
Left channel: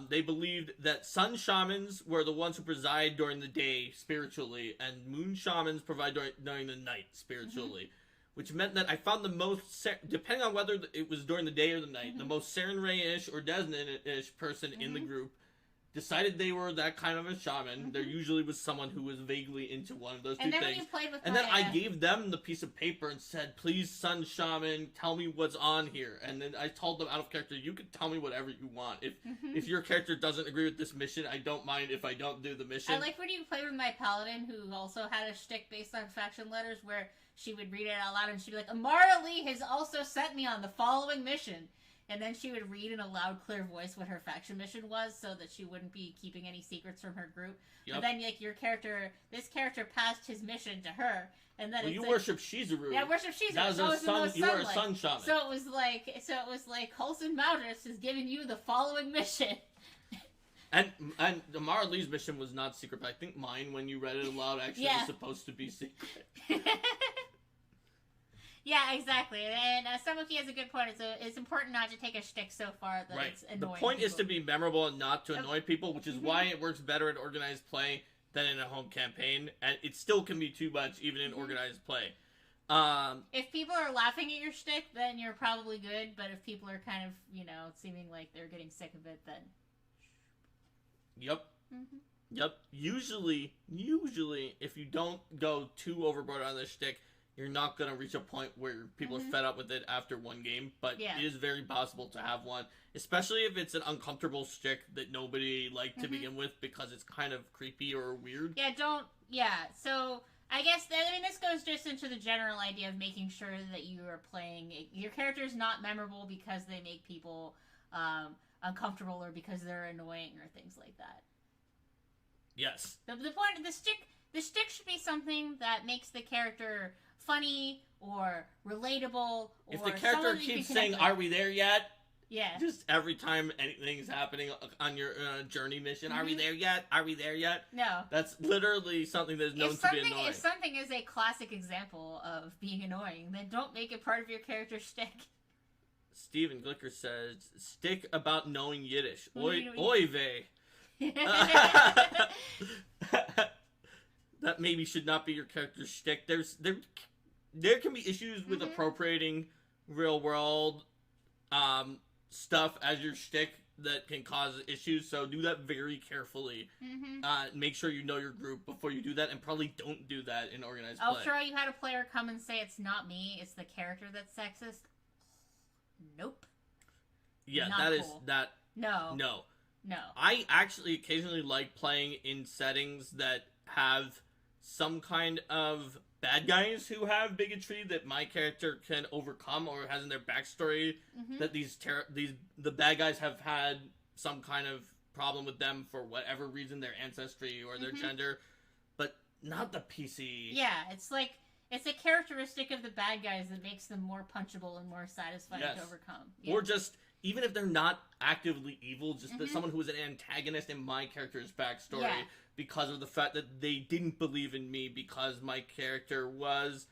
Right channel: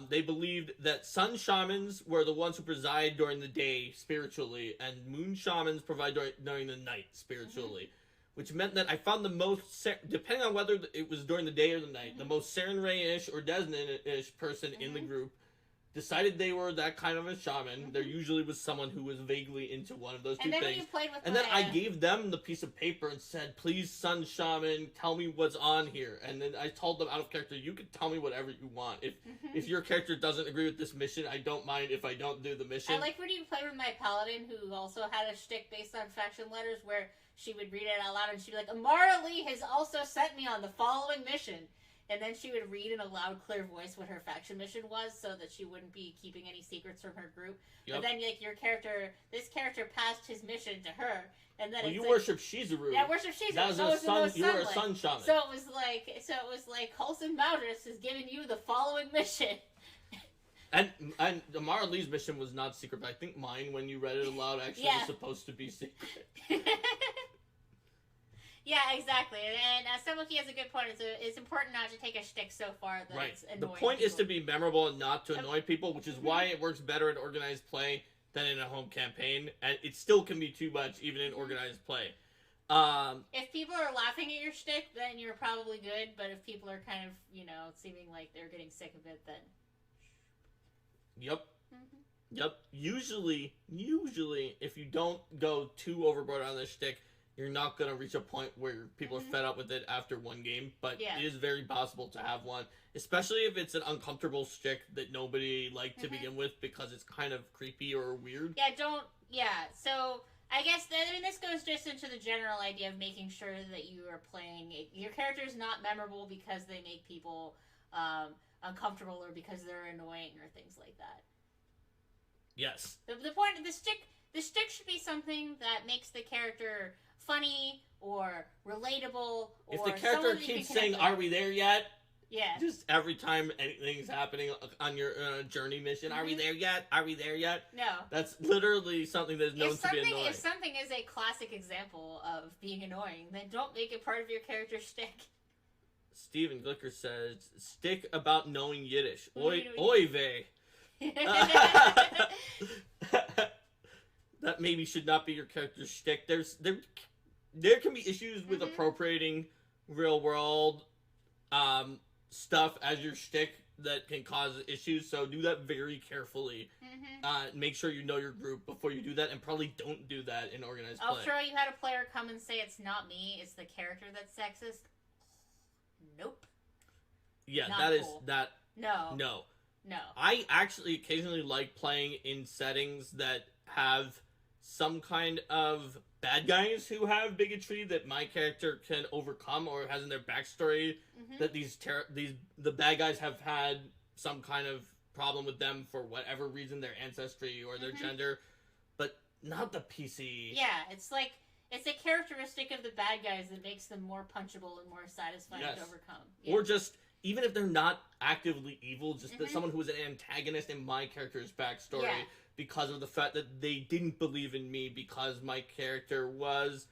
they believed that sun shamans were the ones who preside during the day spiritually, and moon shamans provide during the night spiritually. Which meant that I found the most, depending on whether it was during the day or the night, the most Saren Ray-ish or Desmond-ish person in the group decided they were that kind of a shaman. There usually was someone who was vaguely into one of those two things. When you played with then I gave them the piece of paper and said, please, Sun Shaman, tell me what's on here. And then I told them out of character, you can tell me whatever you want. If your character doesn't agree with this mission, I don't mind if I don't do the mission. I like when you played with my paladin, who also had a shtick based on faction letters, where she would read it out loud and she'd be like, Amara Lee has also sent me on the following mission. And then she would read in a loud, clear voice what her faction mission was, so that she wouldn't be keeping any secrets from her group. But then, like, this character passed his mission to her, and then you worship Shizuru. Yeah, worship Shizuru. That was you were a sun shaman. So it was like Coulson Maldris is giving you the following mission. And Amara Lee's mission was not secret, but I think mine, when you read it aloud, actually was supposed to be secret. Yeah, exactly. And Samuki has a good point. It's important not to take a shtick so far that it's annoying. The point is to be memorable and not to annoy people, which is why it works better in organized play than in a home campaign. And it still can be too much, even in organized play. If people are laughing at your shtick, then you're probably good. But if people are kind of, seeming like they're getting sick of it, then... Yep. Usually, if you don't go too overboard on this shtick, you're not going to reach a point where people are fed up with it after one game, but it is very possible to have one, especially if it's an uncomfortable shtick that nobody liked to begin with because it's kind of creepy or weird. So I guess, this goes just into the general idea of making sure that you are playing, your character is not memorable because they make people uncomfortable or because they're annoying or things like that. Yes. The point of the shtick should be something that makes the character funny or relatable. If the character keeps saying, "Are we there yet?" Yeah. Just every time anything's happening on your journey mission, "Are we there yet? Are we there yet?" No. That's literally something that's known to be annoying. If something is a classic example of being annoying, then don't make it part of your character's shtick. Steven Glicker says, "Stick about knowing Yiddish. Oy vey." That maybe should not be your character's shtick. There can be issues with appropriating real world stuff as your shtick that can cause issues, so do that very carefully. Make sure you know your group before you do that, and probably don't do that in organized play. I'll throw you had a player come and say it's not me, it's the character that's sexist. Nope. Yeah, Not that is cool. that. No. No. I actually occasionally like playing in settings that have some kind of bad guys who have bigotry that my character can overcome or has in their backstory that the bad guys have had some kind of problem with them for whatever reason, their ancestry or their gender, but not the PC. Yeah, it's like it's a characteristic of the bad guys that makes them more punchable and more satisfying to overcome. Yeah. Or just even if they're not actively evil, just that someone who was an antagonist in my character's backstory because of the fact that they didn't believe in me because my character was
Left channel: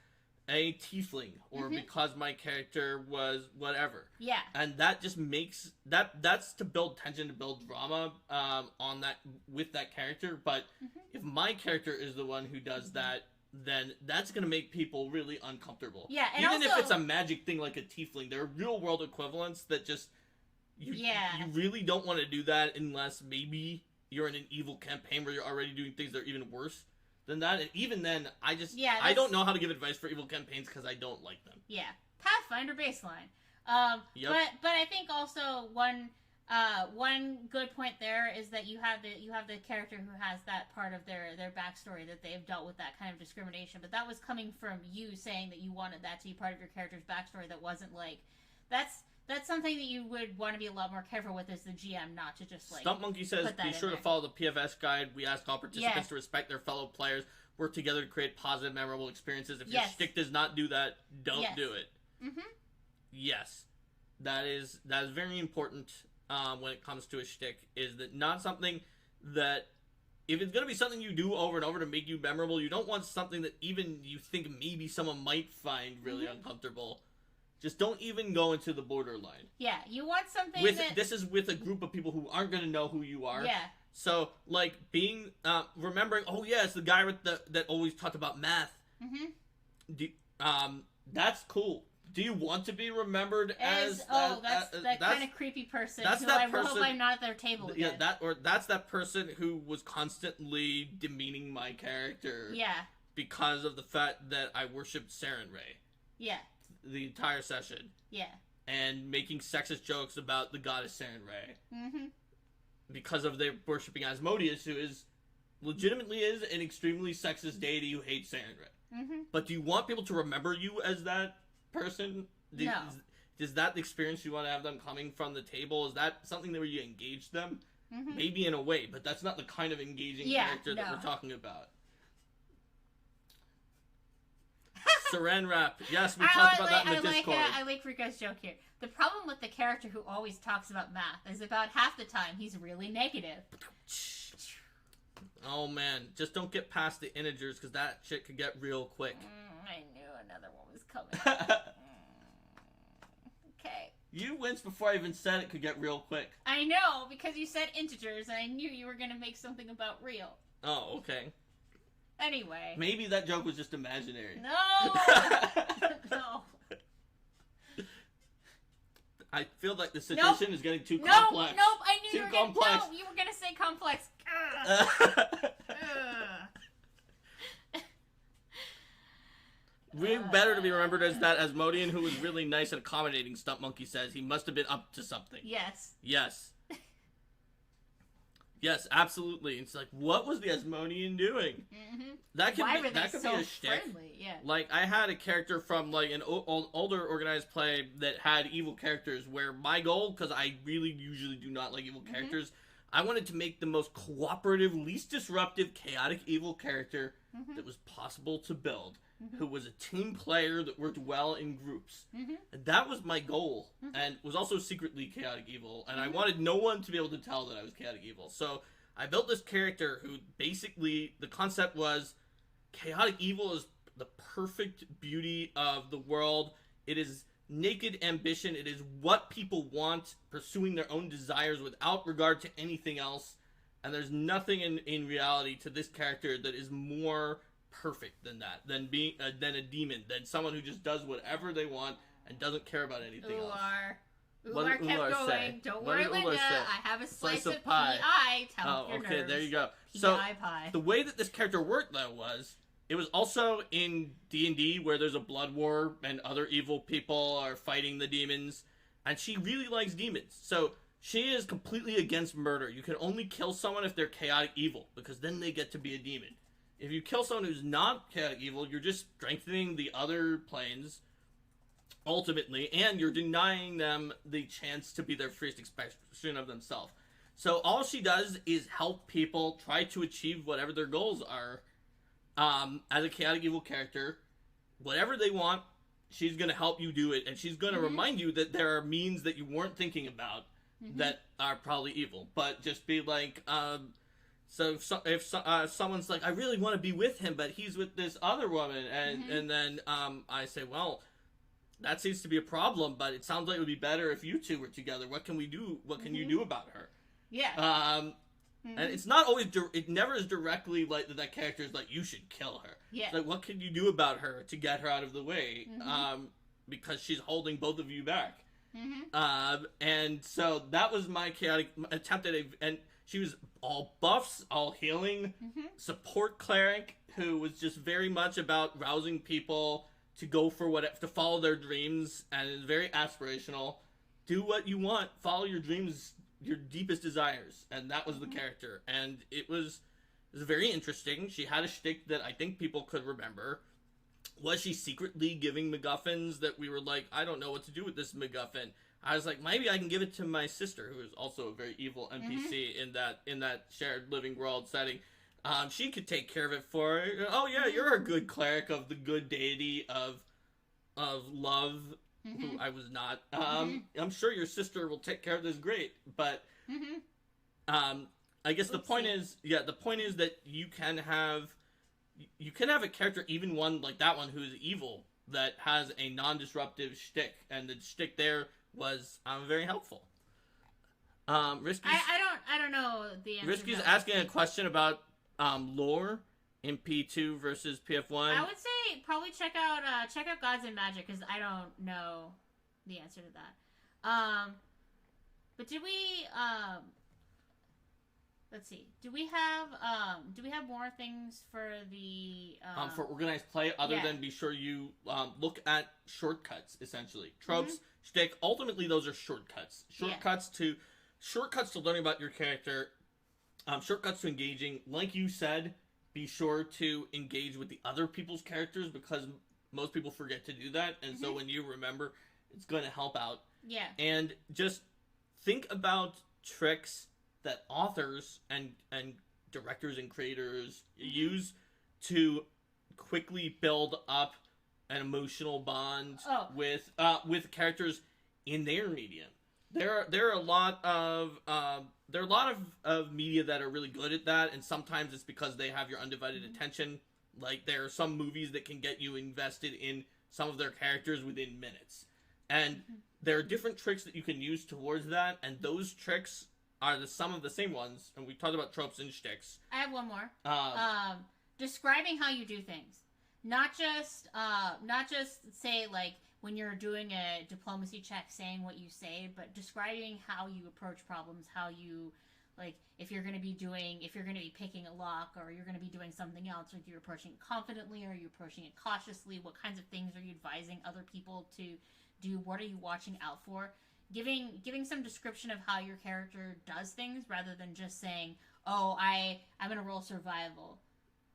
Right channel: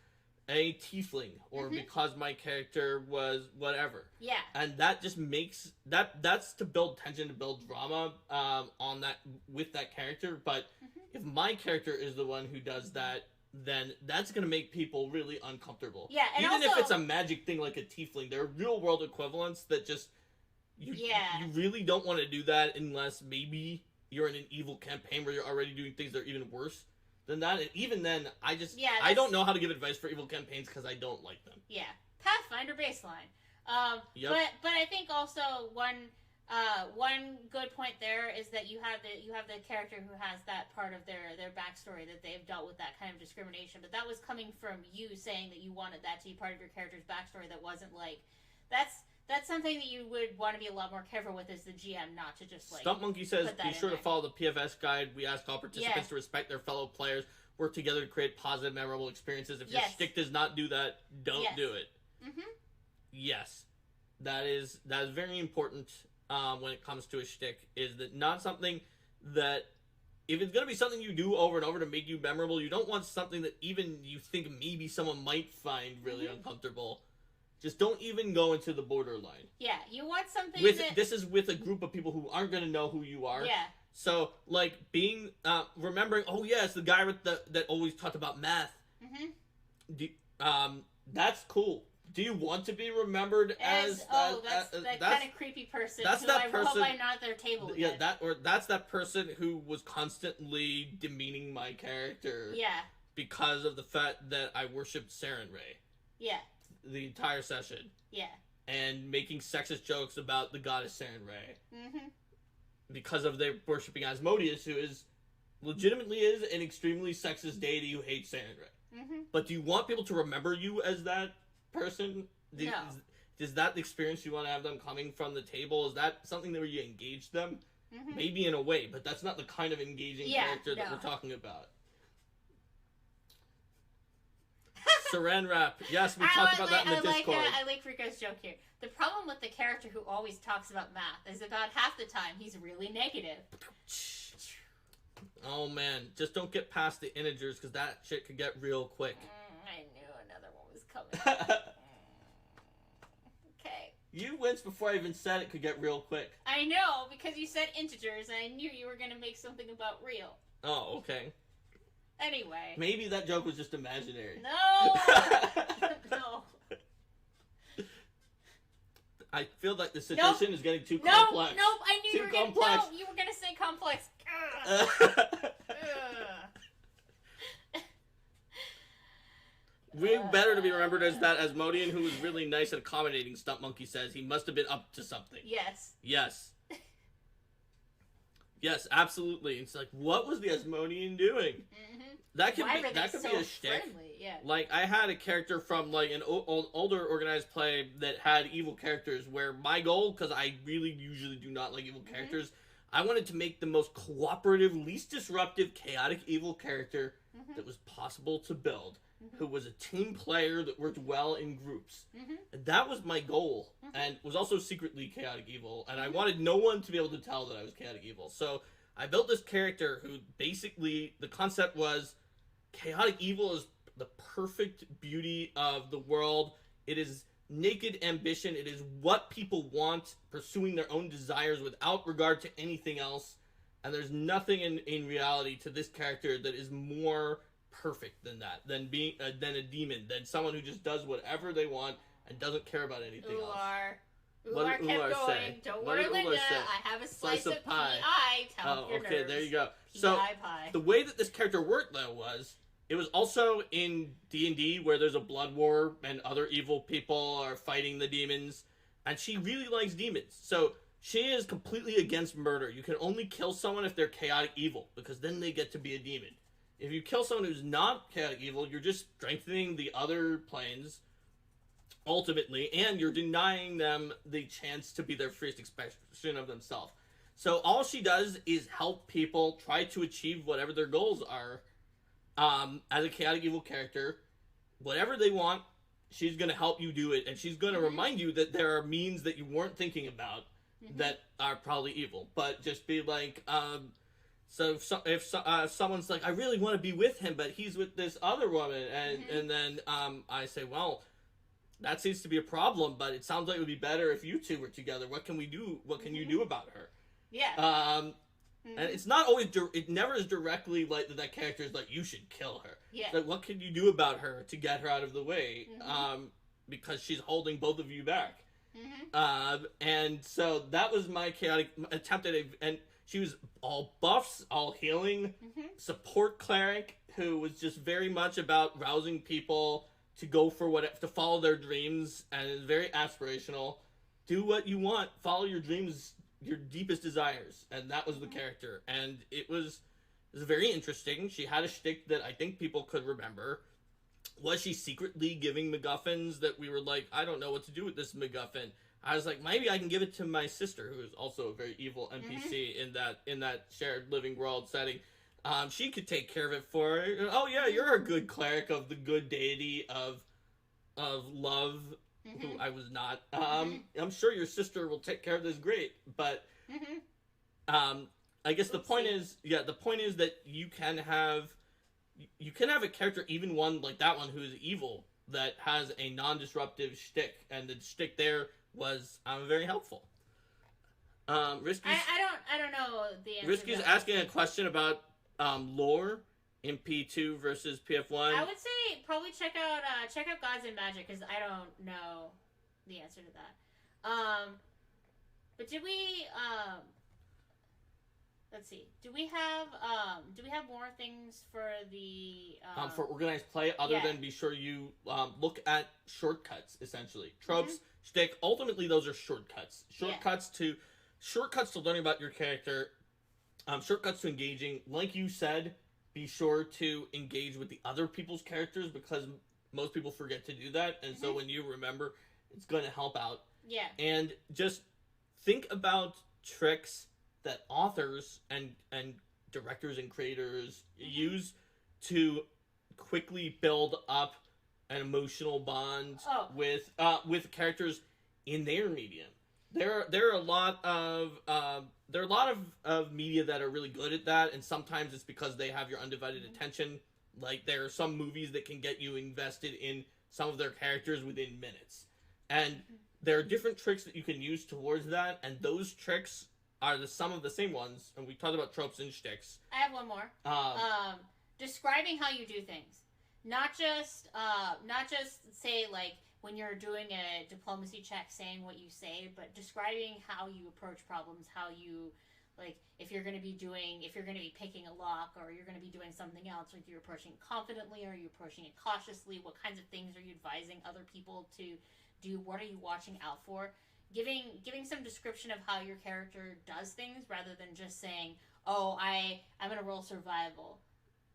a tiefling or because my character was whatever. Yeah. And that just makes that's to build tension, to build drama on that with that character. But if my character is the one who does that, then that's going to make people really uncomfortable. Yeah, and even also, if it's a magic thing like a tiefling, there are real world equivalents that just you really don't want to do that unless maybe you're in an evil campaign where you're already doing things that are even worse than that. And even then, I don't know how to give advice for evil campaigns because I don't like them. Yeah, Pathfinder baseline. Yep. But I think also one good point there is that you have the character who has that part of their backstory that they've dealt with that kind of discrimination, but that was coming from you saying that you wanted that to be part of your character's backstory. That wasn't like that's something that you would want to be a lot more careful with as the GM, not to just like. Stump Monkey says, be sure to follow the PFS guide. We ask all participants to respect their fellow players, work together to create positive, memorable experiences. If your shtick does not do that, don't do it. Yes, that is very important. When it comes to a shtick, is that not something that if it's going to be something you do over and over to make you memorable, you don't want something that even you think maybe someone might find really uncomfortable. Just don't even go into the borderline. Yeah, you want something this is with a group of people who aren't going to know who you are. Yeah. So, like, being, remembering, oh yeah, it's the guy with that always talked about math. That's cool. Do you want to be remembered as that kind of creepy person? That's so that I person. hope I'm not at their table again. Yeah, that's that person who was constantly demeaning my character. Yeah. Because of the fact that I worshipped Saren Ray. Yeah. The entire session. Yeah. And making sexist jokes about the goddess Saren Ray. Because of their worshipping Asmodeus, who legitimately is an extremely sexist deity who hates Saren Ray. But do you want people to remember you as that person? No. Is that the experience you want to have them coming from the table? Is that something where you engage them? Maybe in a way, but that's not the kind of engaging character that we're talking about. Saran Wrap. Yes, we talked about that in the Discord. I like Rico's joke here. The problem with the character who always talks about math is about half the time he's really negative. Oh man, just don't get past the integers because that shit could get real quick. I knew another one was coming. Okay. You winced before I even said it could get real quick. I know, because you said integers and I knew you were going to make something about real. Oh, okay. Anyway. Maybe that joke was just imaginary. No! No. I feel like the suggestion is getting too complex. Nope, I knew you were going to say complex. Way better to be remembered as that Asmodean who was really nice and accommodating, Stump Monkey says. He must have been up to something. Yes. Yes. Yes, absolutely. It's like, what was the Asmodean doing? That could be a shtick. Yeah. Like, I had a character from like an older organized play that had evil characters where my goal, because I really usually do not like evil characters, I wanted to make the most cooperative, least disruptive, chaotic evil character that was possible to build, who was a team player that worked well in groups. And that was my goal, and was also secretly chaotic evil, and I wanted no one to be able to tell that I was chaotic evil. So I built this character who basically, the concept was, chaotic evil is the perfect beauty of the world. It is naked ambition. It is what people want, pursuing their own desires without regard to anything else. And there's nothing in reality to this character that is more perfect than that, than being than a demon, than someone who just does whatever they want and doesn't care about anything else. Umar kept Umar going. say? Don't What worry, did Umar Linda. say? I have a Slice slice of of pie. PI to help Oh, your okay, nerves. there you go. So PI pie. the way that this character worked, though, was it was also in D&D where there's a blood war and other evil people are fighting the demons, and she really likes demons. So she is completely against murder. You can only kill someone if they're chaotic evil, because then they get to be a demon. If you kill someone who's not chaotic evil, you're just strengthening the other planes, ultimately, and you're denying them the chance to be their freest expression of themselves. So all she does is help people try to achieve whatever their goals are. As a chaotic evil character, whatever they want, she's going to help you do it, and she's going to remind you that there are means that you weren't thinking about that are probably evil. But just be like, so if someone's like, I really want to be with him, but he's with this other woman, and then I say, well, that seems to be a problem, but it sounds like it would be better if you two were together. What can we do? What can you do about her? Yeah. And it's not always, it never is directly like that character is like, you should kill her. Yeah. It's like, what can you do about her to get her out of the way? Because she's holding both of you back. And so that was my chaotic attempt at it. And she was all buffs, all healing, support cleric, who was just very much about rousing people to go for to follow their dreams, and is very aspirational. Do what you want, follow your dreams, your deepest desires, and that was the character. And it was very interesting. She had a shtick that I think people could remember. Was she secretly giving MacGuffins that we were like, I don't know what to do with this MacGuffin? I was like, maybe I can give it to my sister, who is also a very evil NPC in that shared living world setting. She could take care of it for her. Oh yeah, you're a good cleric of the good deity of love, who I was not. I'm sure your sister will take care of this great, but I guess the point is that you can have a character, even one like that one, who is evil, that has a non-disruptive shtick, and the shtick there was very helpful. Risky's, I don't know the answer. Risky's asking a question about lore in P2 versus PF1. I would say probably check out Gods and Magic, because I don't know the answer to that. But did we let's see. Do we have more things for the for organized play other than be sure you look at shortcuts, essentially. Tropes, shtick, ultimately those are shortcuts. Shortcuts to learning about your character, shortcuts to engaging. Like you said, be sure to engage with the other people's characters, because most people forget to do that, and so when you remember, it's going to help out. Yeah. And just think about tricks that authors and directors and creators use to quickly build up an emotional bond with characters in their medium. There are a lot of media that are really good at that, and sometimes it's because they have your undivided attention. Like, there are some movies that can get you invested in some of their characters within minutes, and there are different tricks that you can use towards that, and those tricks are some of the same ones. And we talked about tropes and shticks. I have one more. Describing how you do things, not just say, like, when you're doing a diplomacy check, saying what you say, but describing how you approach problems, how you, like, if you're going to be picking a lock, or you're going to be doing something else, or you're approaching it confidently, or you're approaching it cautiously, what kinds of things are you advising other people to do, what are you watching out for? Giving some description of how your character does things, rather than just saying, oh, I'm going to roll survival.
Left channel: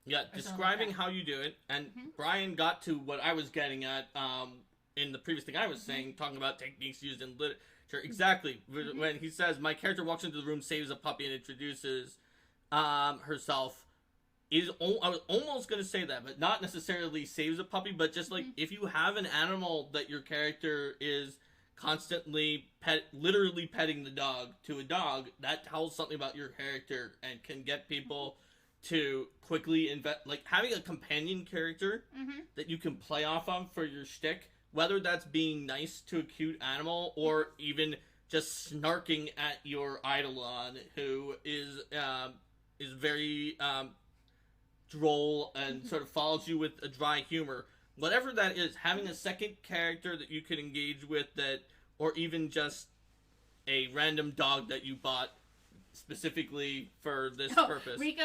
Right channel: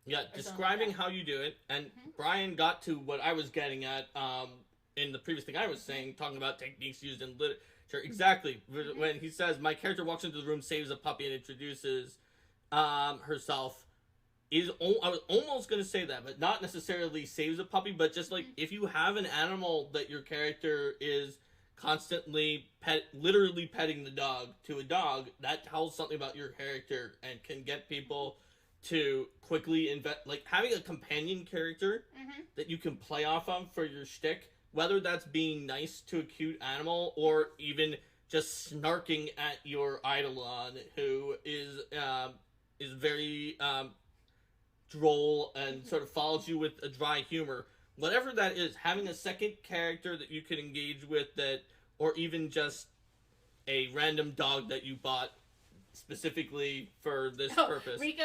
Yeah, describing how you do it. And Brian got to what I was getting at in the previous thing I was saying, talking about techniques used in literature. Exactly. When he says, my character walks into the room, saves a puppy, and introduces herself, I was almost going to say that, but not necessarily saves a puppy, but just like, if you have an animal that your character is constantly literally petting the dog to a dog, that tells something about your character and can get people to quickly invest. Like, having a companion character that you can play off of for your shtick, whether that's being nice to a cute animal or even just snarking at your Eidolon, who is very droll and sort of follows you with a dry humor. Whatever that is, having a second character that you can engage with, that, or even just a random dog that you bought specifically for this purpose. Rico,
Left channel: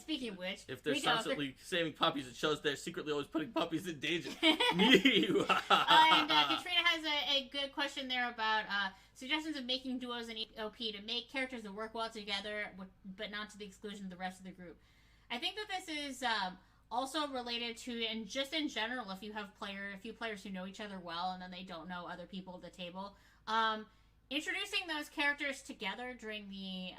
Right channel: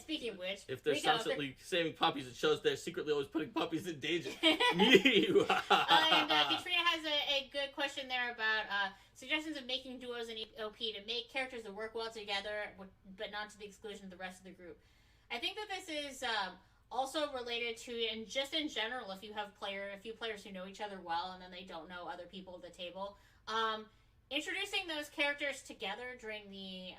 speaking of which, if they're Rico, constantly saving puppies, it shows they're secretly always putting puppies in danger. And Katrina has a good question there about suggestions of making duos in OP to make characters that work well together, but not to the exclusion of the rest of the group. I think that this is also related to, and just in general, if you have a few players who know each other well and then they don't know other people at the table, introducing those characters together during the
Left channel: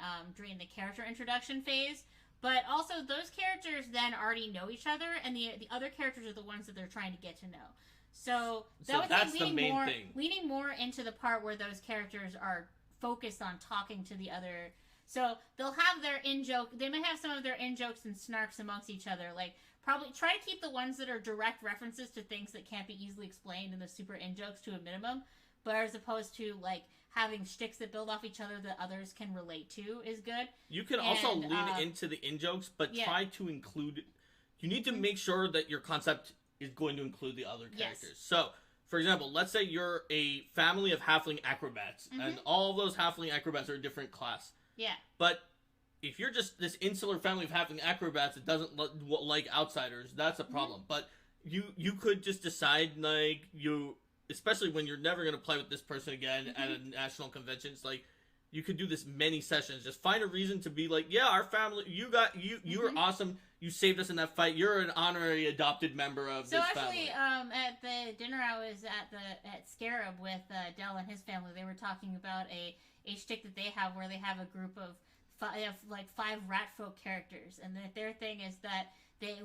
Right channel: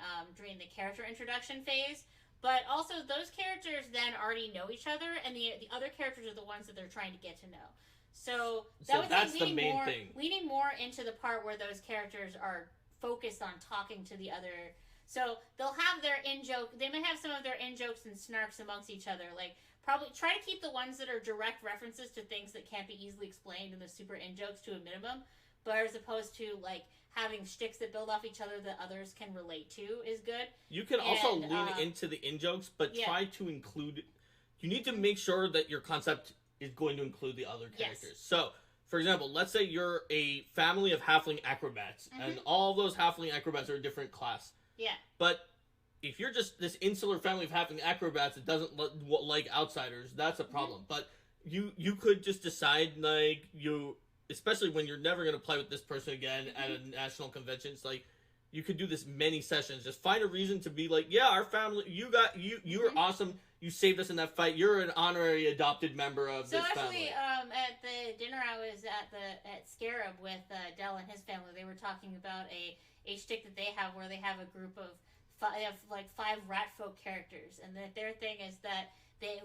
character introduction phase, but also those characters then already know each other, and the other characters are the ones that they're trying to get to know. So that's the main thing. Leaning more into the part where those characters are focused on talking to the other. So they'll have their in-joke. They may have some of their in-jokes and snarks amongst each other. Like, probably try to keep the ones that are direct references to things that can't be easily explained and the super in-jokes to a minimum. But as opposed to, like, having shticks that build off each other that others can relate to is good. You can also lean into the in-jokes, but try to include... You need to make sure that your concept is going to include the other characters. Yes. So, for example, let's say you're a family of halfling acrobats, and all of those halfling acrobats are a different class. Yeah. But if you're just this insular family of halfling acrobats that doesn't like outsiders, that's a problem. But you could just decide, like, especially when you're never going to play with this person again at a national convention, it's like, you could do this many sessions. Just find a reason to be like, yeah, our family, you were awesome. You saved us in that fight. You're an honorary adopted member of this family. So actually, at the dinner I was at Scarab with Dell and his family, they were talking about a shtick that they have where they have a group of five rat folk characters, and their thing is that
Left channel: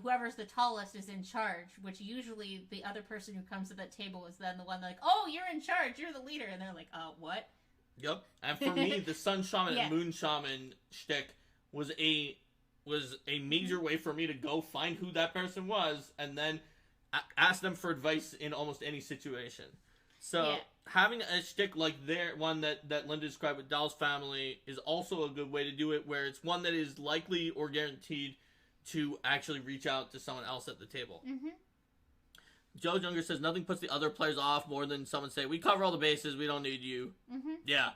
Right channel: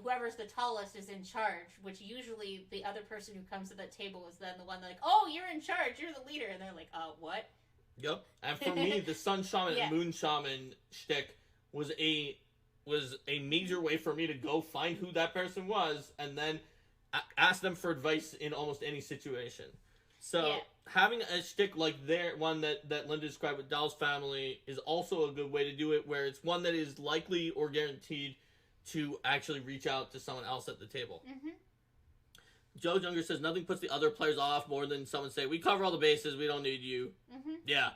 whoever's the tallest is in charge, which usually the other person who comes to that table is then the one like, oh, you're in charge, you're the leader, and they're like, what? Yep. And for me, the Sun Shaman and Moon Shaman shtick was a major way for me to go find who that person was and then ask them for advice in almost any situation. So having a shtick like one that Linda described with Doll's family is also a good way to do it, where it's one that is likely or guaranteed to actually reach out to someone else at the table. Joe Younger says, nothing puts the other players off more than someone say, we cover all the bases, we don't need you. Yeah.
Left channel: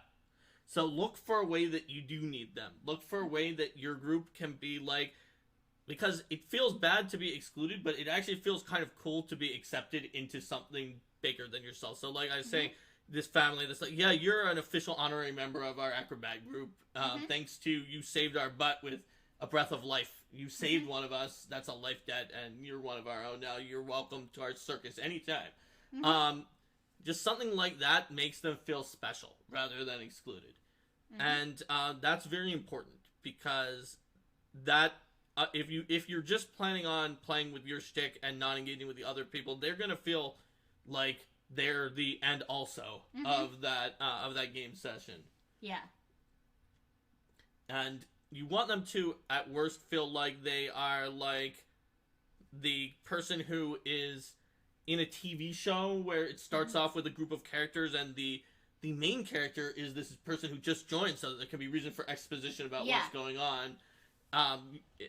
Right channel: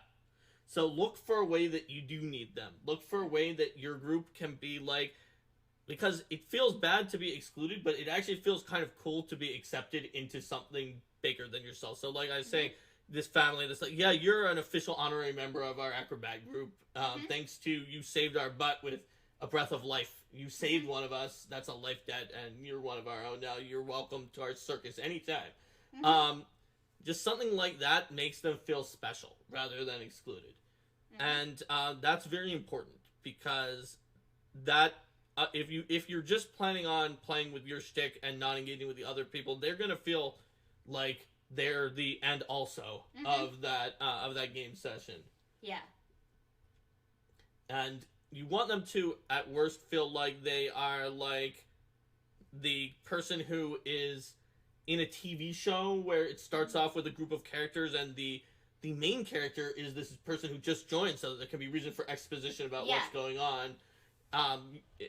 So look for a way that you do need them. Look for a way that your group can be like, because it feels bad to be excluded, but it actually feels kind of cool to be accepted into something bigger than yourself. So like I was saying, this family that's like, yeah, you're an official honorary member of our acrobat group. Thanks to you saved our butt with a breath of life. You saved one of us. That's a life debt, and you're one of our own now. You're welcome to our circus anytime. Just something like that makes them feel special rather than excluded. And that's very important, because that if you're just planning on playing with your shtick and not engaging with the other people, they're gonna feel like they're the end also of that game session. Yeah. And you want them to, at worst, feel like they are like the person who is in a TV show where it starts off with a group of characters and the main character is this person who just joined, so that there can be reason for exposition about what's going on.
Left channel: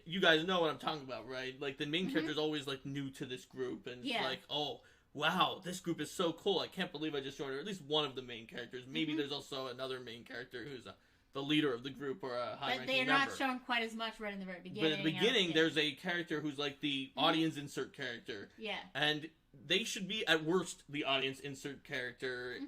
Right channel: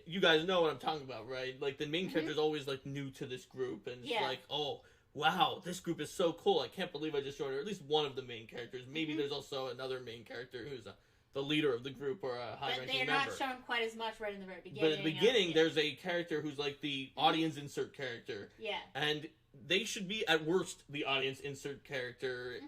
You guys know what I'm talking about, right? Like, the main character is always, like, new to this group, and it's like, oh, wow, this group is so cool. I can't believe I just joined, or at least one of the main characters. Maybe there's also another main character who's the leader of the group or a high-ranking member. They're not shown quite as much right in the very beginning. But at the beginning, there's a character who's like the audience insert character. Yeah. And they should be, at worst, the audience insert character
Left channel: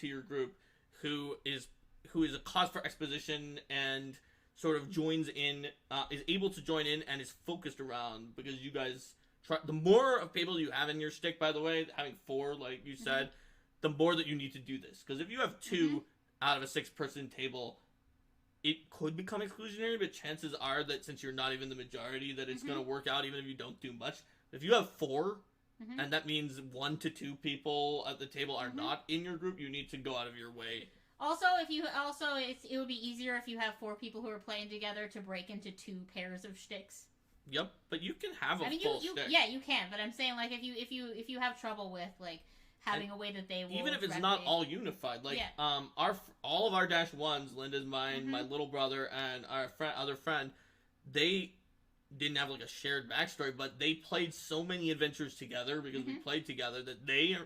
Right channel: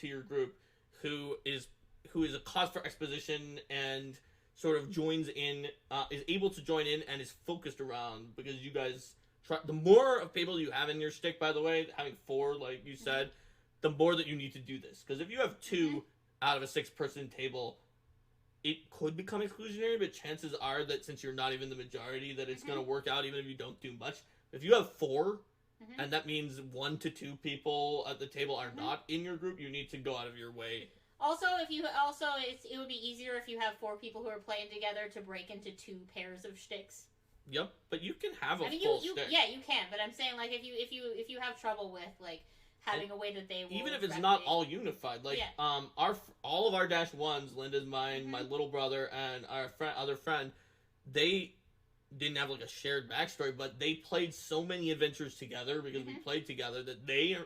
to your group who is a cause for exposition and sort of joins in, is able to join in and is focused around, because you guys try. The more of people you have in your stick, by the way, having 4, like you said, the more that you need to do this. Because if you have 2 out of a 6-person table, it could become exclusionary, but chances are that since you're not even the majority, that it's going to work out even if you don't do much. If you have 4, and that means 1 to 2 people at the table are not in your group, you need to go out of your way. Also, it would be easier if you have 4 people who are playing together to break into 2 pairs of shticks. Yep, but you can have a full shtick. Yeah, you can, but I'm saying, like, if you have trouble with, like, having a way that they will, even if it's not all unified, like all of our -1s, Linda's, mine, my little brother, and our other friend, they didn't have like a shared backstory, but they played so many adventures together because we played together that they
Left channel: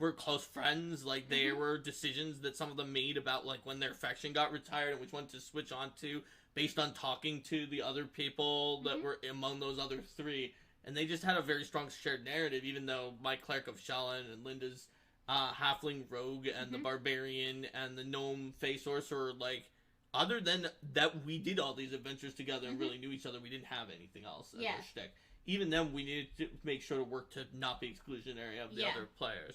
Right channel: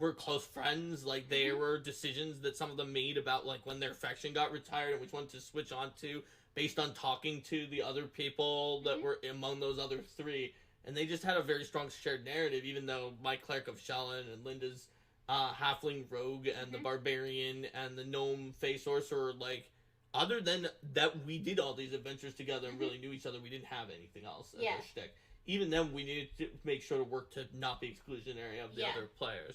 were close friends. Like, there were decisions that some of them made about, like, when their faction got retired and which one to switch on to based on talking to the other people that were among those other three. And they just had a very strong shared narrative, even though my Cleric of Shelyn and Linda's Halfling Rogue and the Barbarian and the Gnome Face Sorcerer, like, other than that we did all these adventures together and really knew each other, we didn't have anything else as our shtick. Even then, we needed to make sure to work to not be exclusionary of the other players.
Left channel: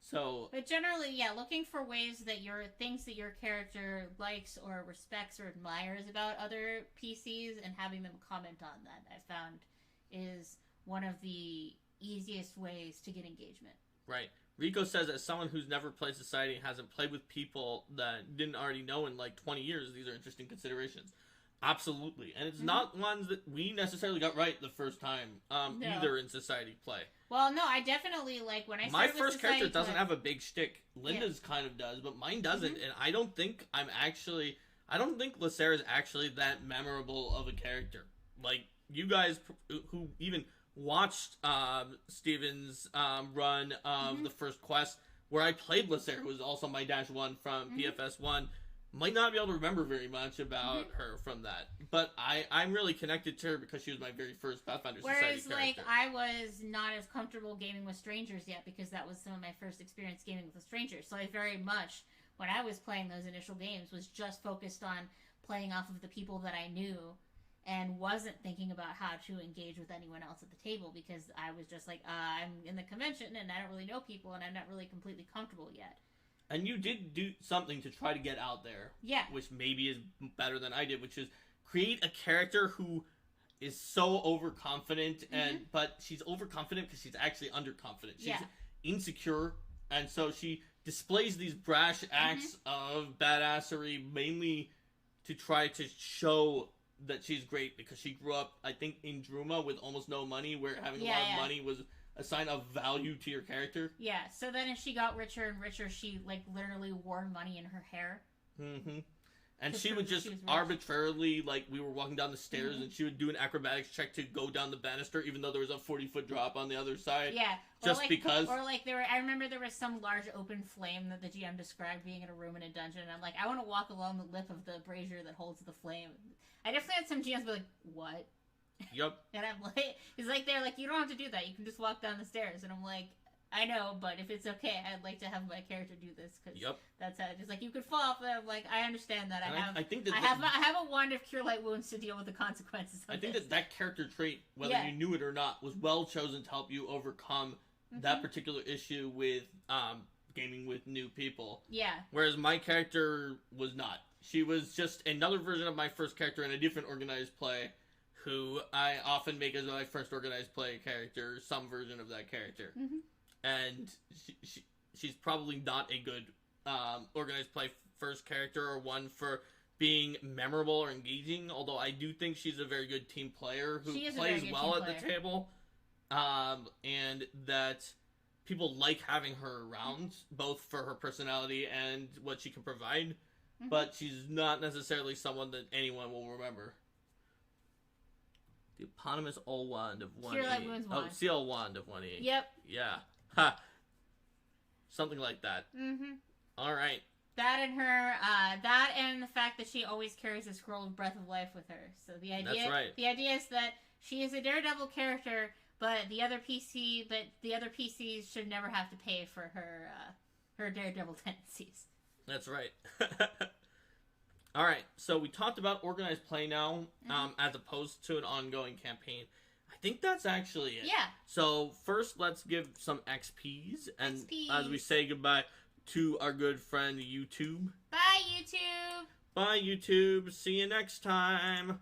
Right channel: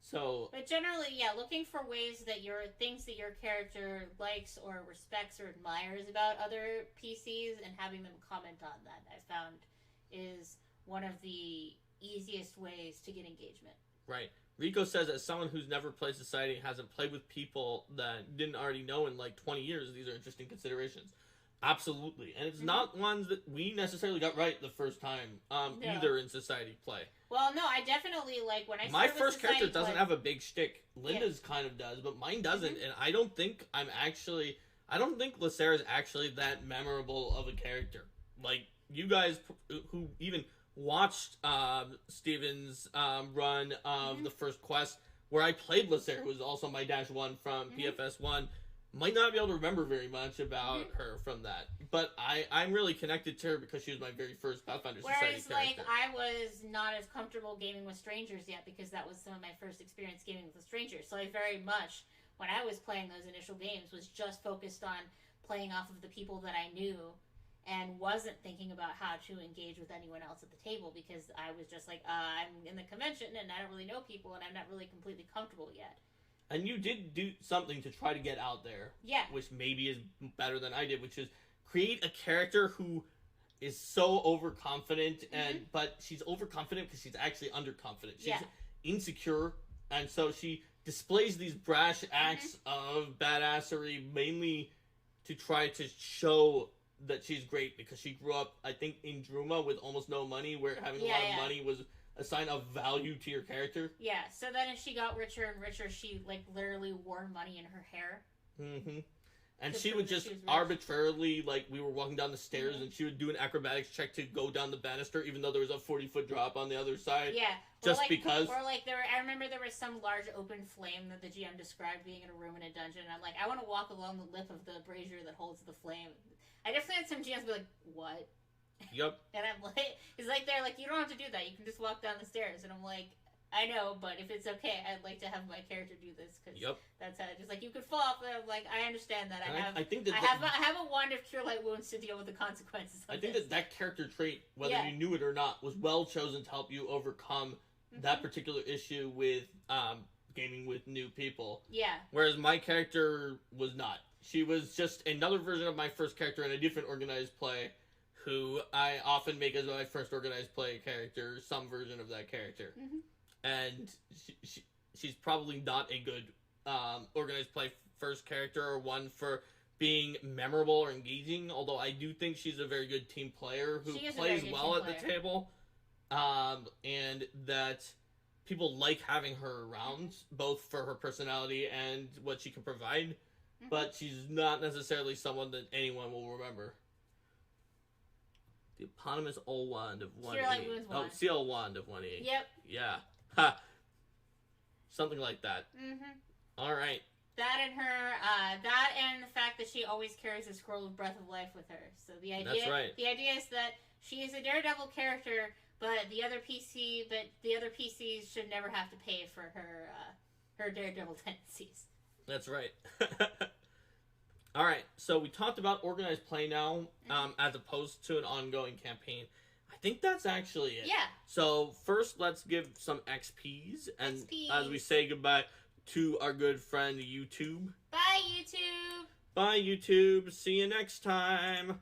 So, but generally, looking for ways that things that your character likes or respects or admires about other PCs and having them comment on that, I found, is one of the easiest ways to get engagement. Right. Rico says, as someone who's never played Society and hasn't played with people that didn't already know in like 20 years, these are interesting considerations. Absolutely. And it's not ones that we necessarily got right the first time, either in Society play. Well, no, I definitely, like, when I started my first Society character doesn't play, have a big shtick. Linda's kind of does, but mine doesn't. And I don't think I don't think Lysera is actually that memorable of a character. Like, you guys who even watched Steven's run of the first quest, where I played Lysera, who was also my -1 from PFS1, might not be able to remember very much about her from that. But I'm really connected to her because she was my very first Pathfinder Society character. Whereas, like, I was not as comfortable gaming with strangers yet because that was some of my first experience gaming with a stranger. So I very much, when I was playing those initial games, was just focused on playing off of the people that I knew and wasn't thinking about how to engage with anyone else at the table because I was just like, I'm in the convention and I don't really know people and I'm not really completely comfortable yet. And you did do something to try to get out there. Yeah. Which maybe is better than I did, which is create a character who is so overconfident, but she's overconfident because she's actually underconfident. She's insecure, and so she displays these brash acts of badassery mainly to try to show that she's great because she grew up, I think, in Druma with almost no money, where having a lot of money was a sign of value to your character. Yeah, so then as she got richer and richer, she, like, literally wore money in her hair. And she would just arbitrarily, like, we were walking down the stairs and she would do an acrobatics check to go down the banister even though there was a 40-foot drop on the other side. Yeah. Just like, because. Or, like, I remember there was some large open flame that the GM described being in a room in a dungeon, and I'm like, I want to walk along the lip of the brazier that holds the flame. I definitely had some GMs be like, what? Yep. And I'm like, he's like, they're like, you don't have to do that. You can just walk down the stairs. And I'm like, I know, but if it's okay, I'd like to have my character do this because that's how. Just like you could fall off. And I'm like, I understand that. I have a wand of cure light wounds to deal with the consequences. I think that character trait, whether you knew it or not, was well chosen to help you overcome that particular issue with gaming with new people. Yeah. Whereas my character was not. She was just another version of my first character in a different organized play, who I often make as my first organized play character, some version of that character. And she's probably not a good organized play first character or one for being memorable or engaging, although I do think she's a very good team player who plays well at the table, and that people like having her around, both for her personality and what she can provide, but she's not necessarily someone that anyone will remember. The eponymous All Wand of 1E. Oh, CL Wand of 1E. Yep. Yeah. Ha! Something like that. Alright. That and her, that and the fact that she always carries a scroll of Breath of Life with her. So the idea, the idea is that she is a Daredevil character, but the other PCs should never have to pay for her Daredevil tendencies. That's right. Alright, so we talked about organized play now, as opposed to an ongoing campaign. I think that's actually it. Yeah. So first, let's give some XPs, and as we say goodbye to our good friend YouTube. Bye, YouTube. Bye, YouTube. See you next time.